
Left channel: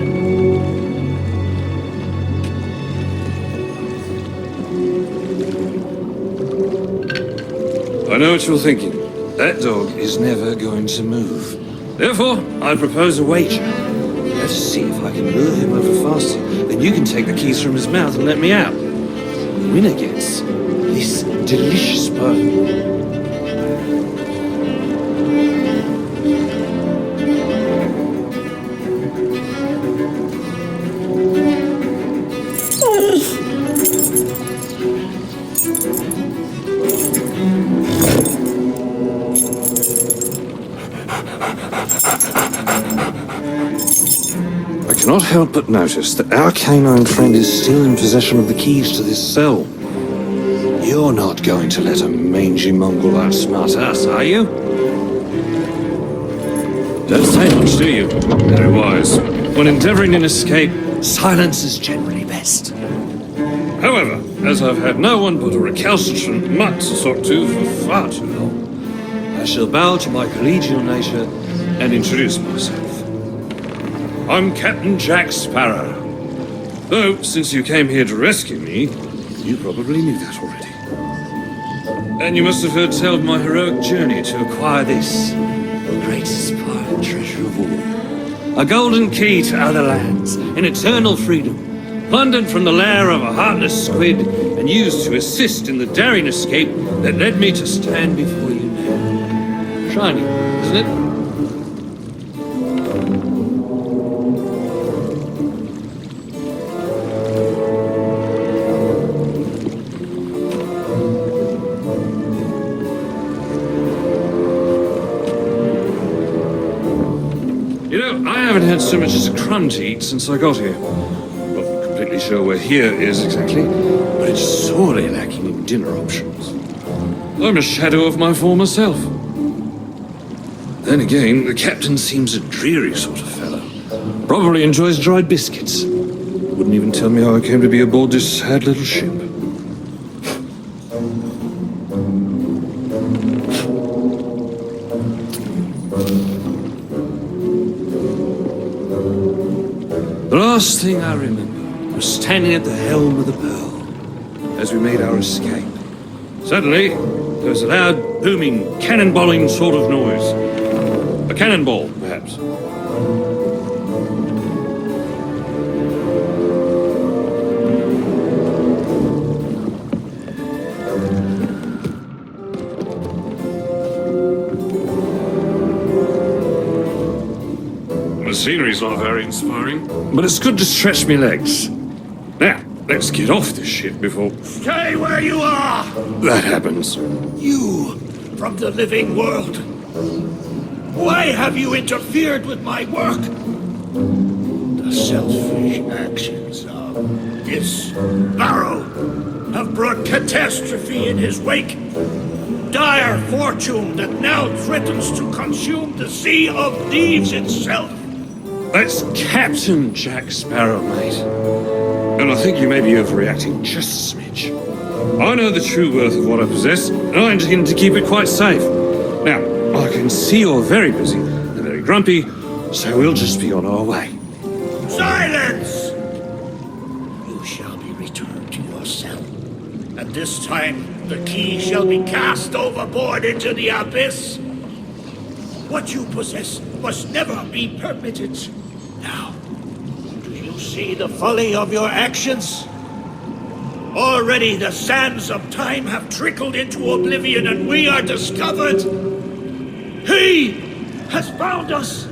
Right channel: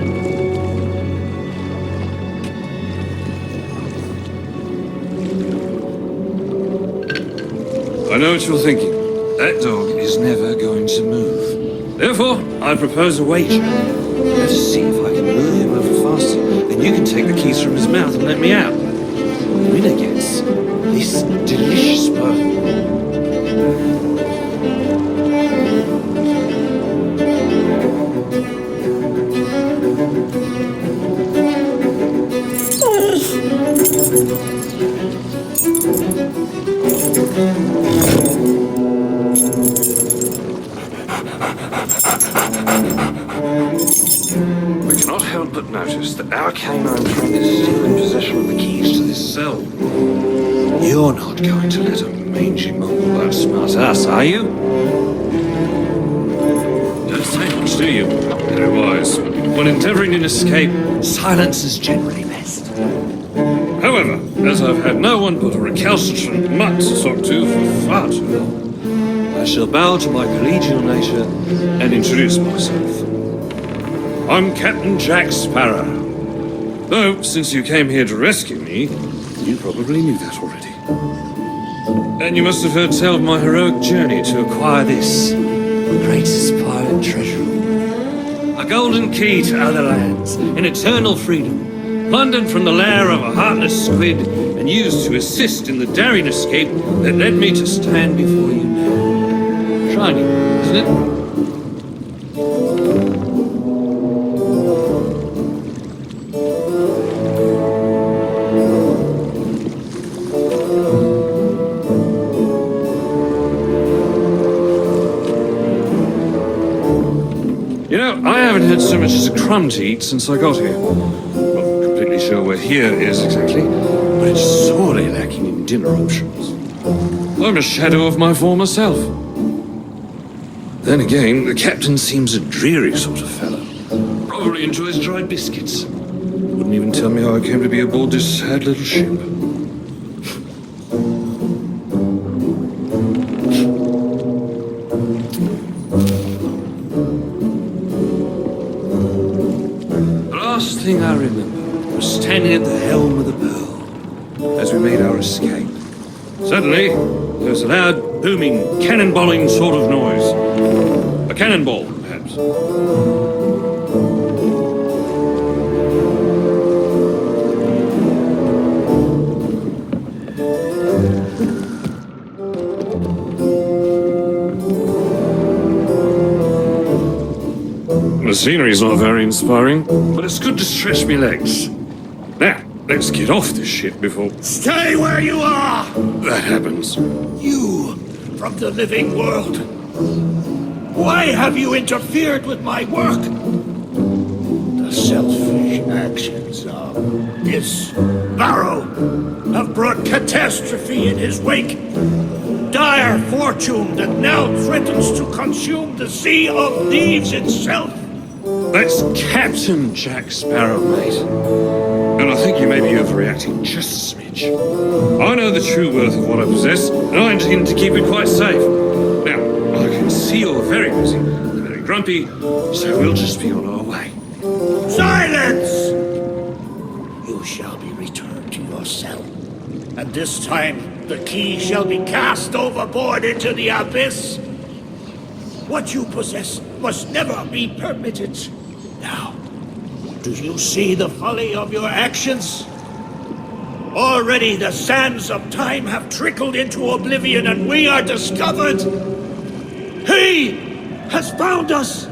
I know what you're thinking. That dog is never going to move. Therefore, I propose a wager. Let's see if I can lure him over faster. Then you can take the keys from his mouth and let me out. The winner gets this delicious bone. I cannot help but notice that our canine friend is still in possession of the keys to this cell. You're not going to let a mangy mongrel outsmart us, are you? Don't say much, do you? Very wise. When endeavoring an escape, silence is generally best. However, as I've had no one but a recalcitrant mutt to talk to for far too long, I shall bow to my collegial nature and introduce myself. I'm Captain Jack Sparrow. Though, since you came here to rescue me, you probably knew that already. And you must have heard tell of my heroic journey to acquire this, the greatest pirate treasure of all. A golden key to other lands, in eternal freedom, plundered from the lair of a heartless squid, and used to assist in the daring escape that led me to stand before you now. Shiny, isn't it? You know, I haven't had so much as a crumb to eat since I got here. Not completely sure where here is exactly, but it's sorely lacking in dinner options. I'm a shadow of my former self. Then again, the captain seems a dreary sort of fellow. Probably enjoys dried biscuits. Wouldn't even tell me how I came to be aboard this sad little ship. The last thing I remember was standing at the helm of the Pearl as we made our escape. Suddenly, there was a loud, booming, cannonballing sort of noise. A cannonball, perhaps. The scenery's not very inspiring, but it's good to stretch me legs. Now, let's get off this ship before Stay where you are! that happens. You, from the living world. Why have you interfered with my work? The selfish actions of this Barrow have brought catastrophe in his wake. Dire fortune that now threatens to consume the Sea of Thieves itself. That's Captain Jack Sparrow, mate. And I think you may be overreacting just a smidge. I know the true worth of what I possess, and I intend to keep it quite safe. Now, I can see you're very busy and very grumpy, so we'll just be on our way. Silence! You you shall be returned to your cell. And this time, the key shall be cast overboard into the abyss. What you possess must never be permitted. Now, do you see the folly of your actions? Already the sands of time have trickled into oblivion and we are discovered. He has found us.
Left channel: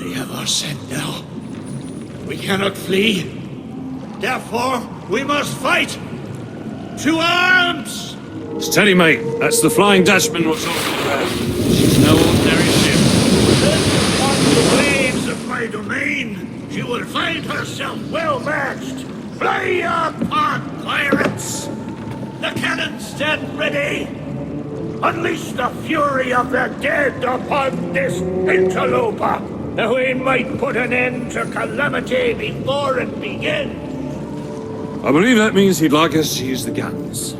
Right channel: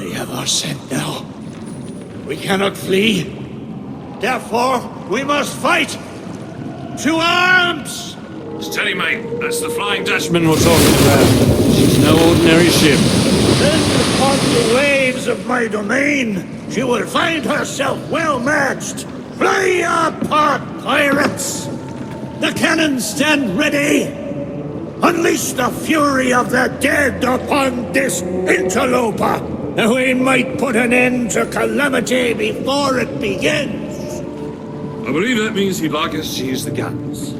They have our scent now. We cannot flee. Therefore, we must fight. To arms! Steady, mate. That's the Flying Dutchman we're talking about. She's no ordinary ship. Slaves of my domain, she will find herself well matched. Fly apart, pirates! The cannons stand ready! Unleash the fury of the dead upon this interloper, and we might put an end to calamity before it begins. I believe that means he'd like us to use the guns.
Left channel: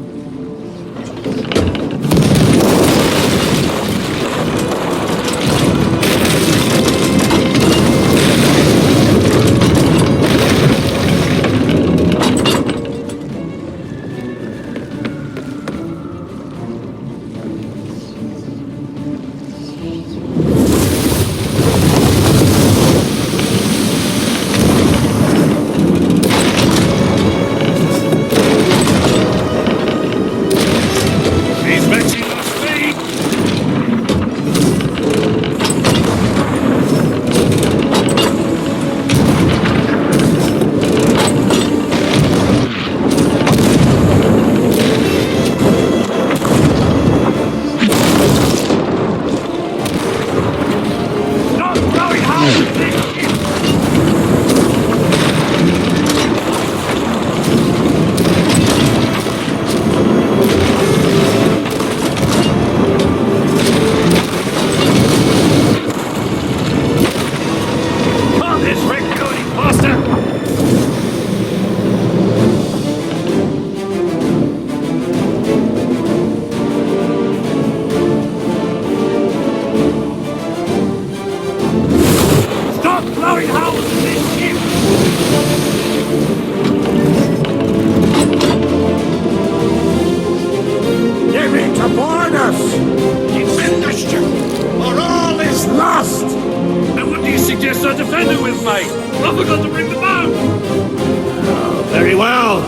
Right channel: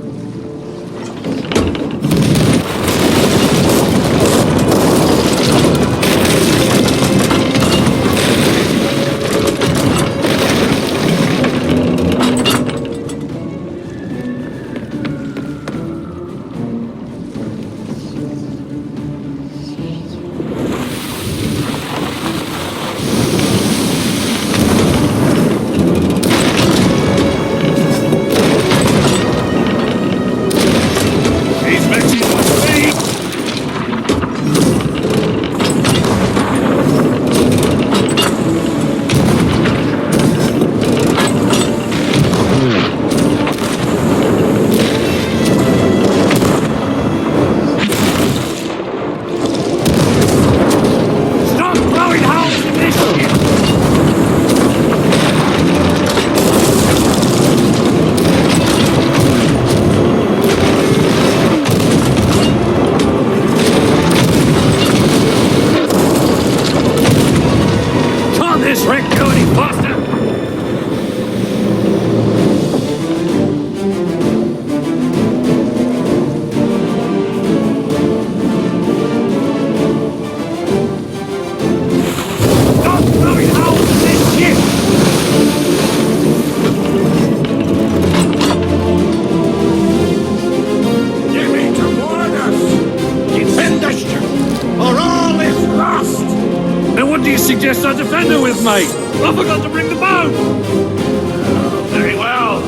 Suggest I defend it with me. I forgot to bring the bow. Oh, very well.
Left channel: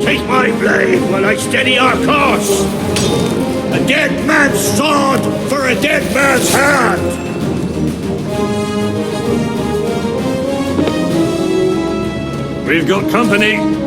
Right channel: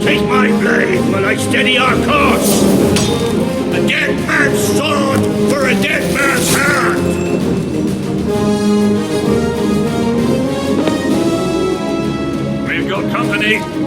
Take my blade while I steady our course. A dead man's sword for a dead man's hand. We've got company.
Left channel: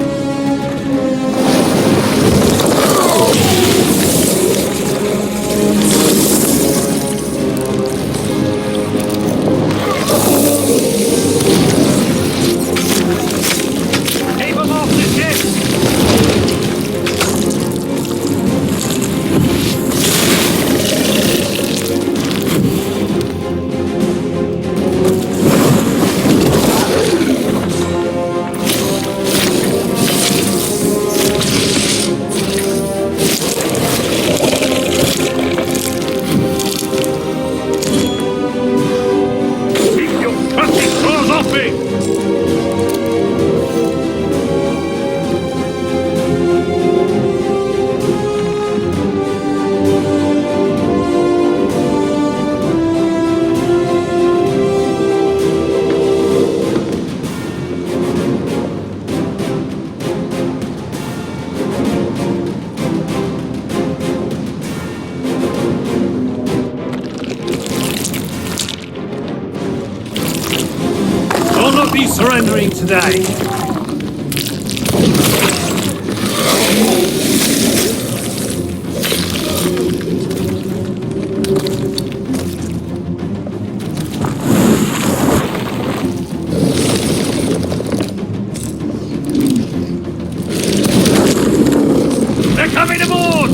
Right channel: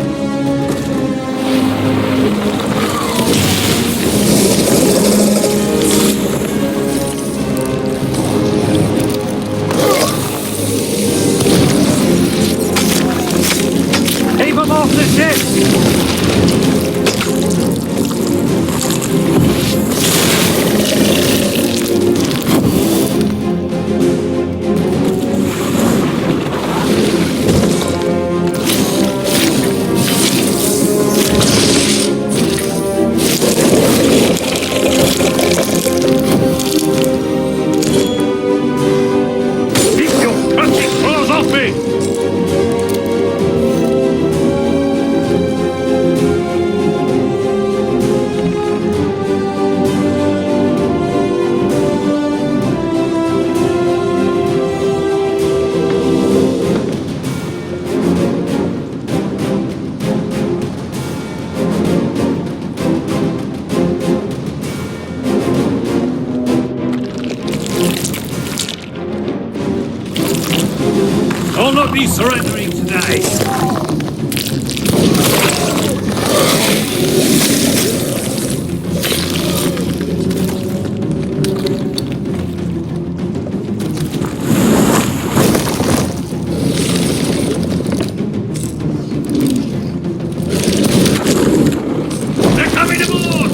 I'll not be surrendering today. They're coming aboard!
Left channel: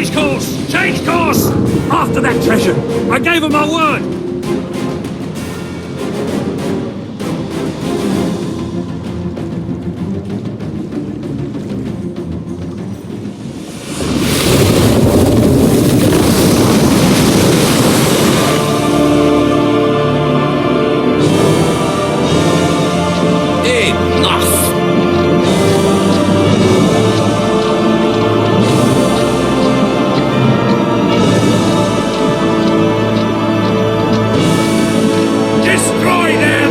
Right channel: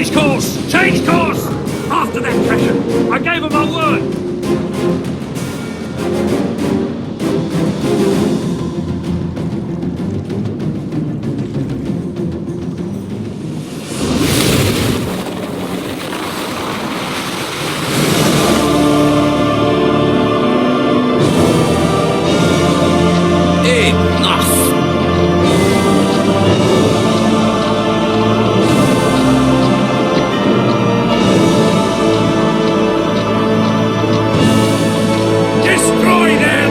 Change course! Change course! After that treasure! I gave him my word! Enough! Destroy them!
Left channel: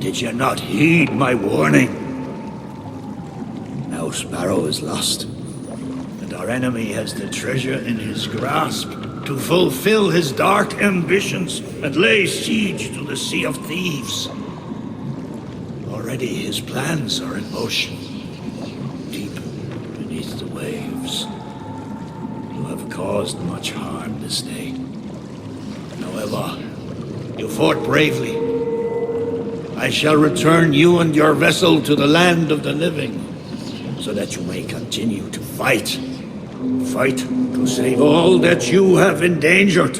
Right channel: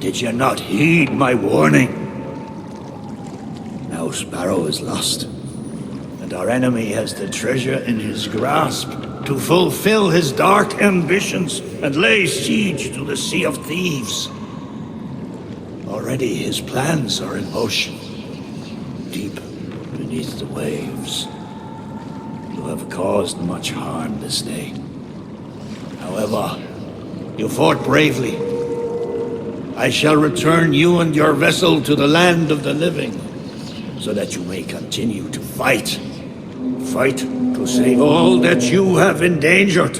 Did you not heed my warning? Now Sparrow is lost, and our enemy has the treasure in his grasp to fulfill his dark ambitions and lay siege to the Sea of Thieves. Already his plans are in motion, deep beneath the waves. You have caused much harm this day. However, you fought bravely. I shall return you and your vessel to the land of the living, so that you may continue to fight. Fight to save all that you have endangered.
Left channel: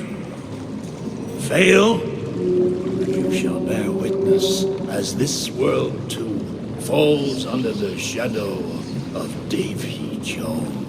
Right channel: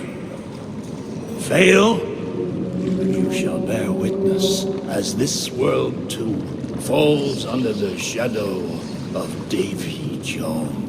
Fail, and you shall bear witness as this world too falls under the shadow of Davy Jones.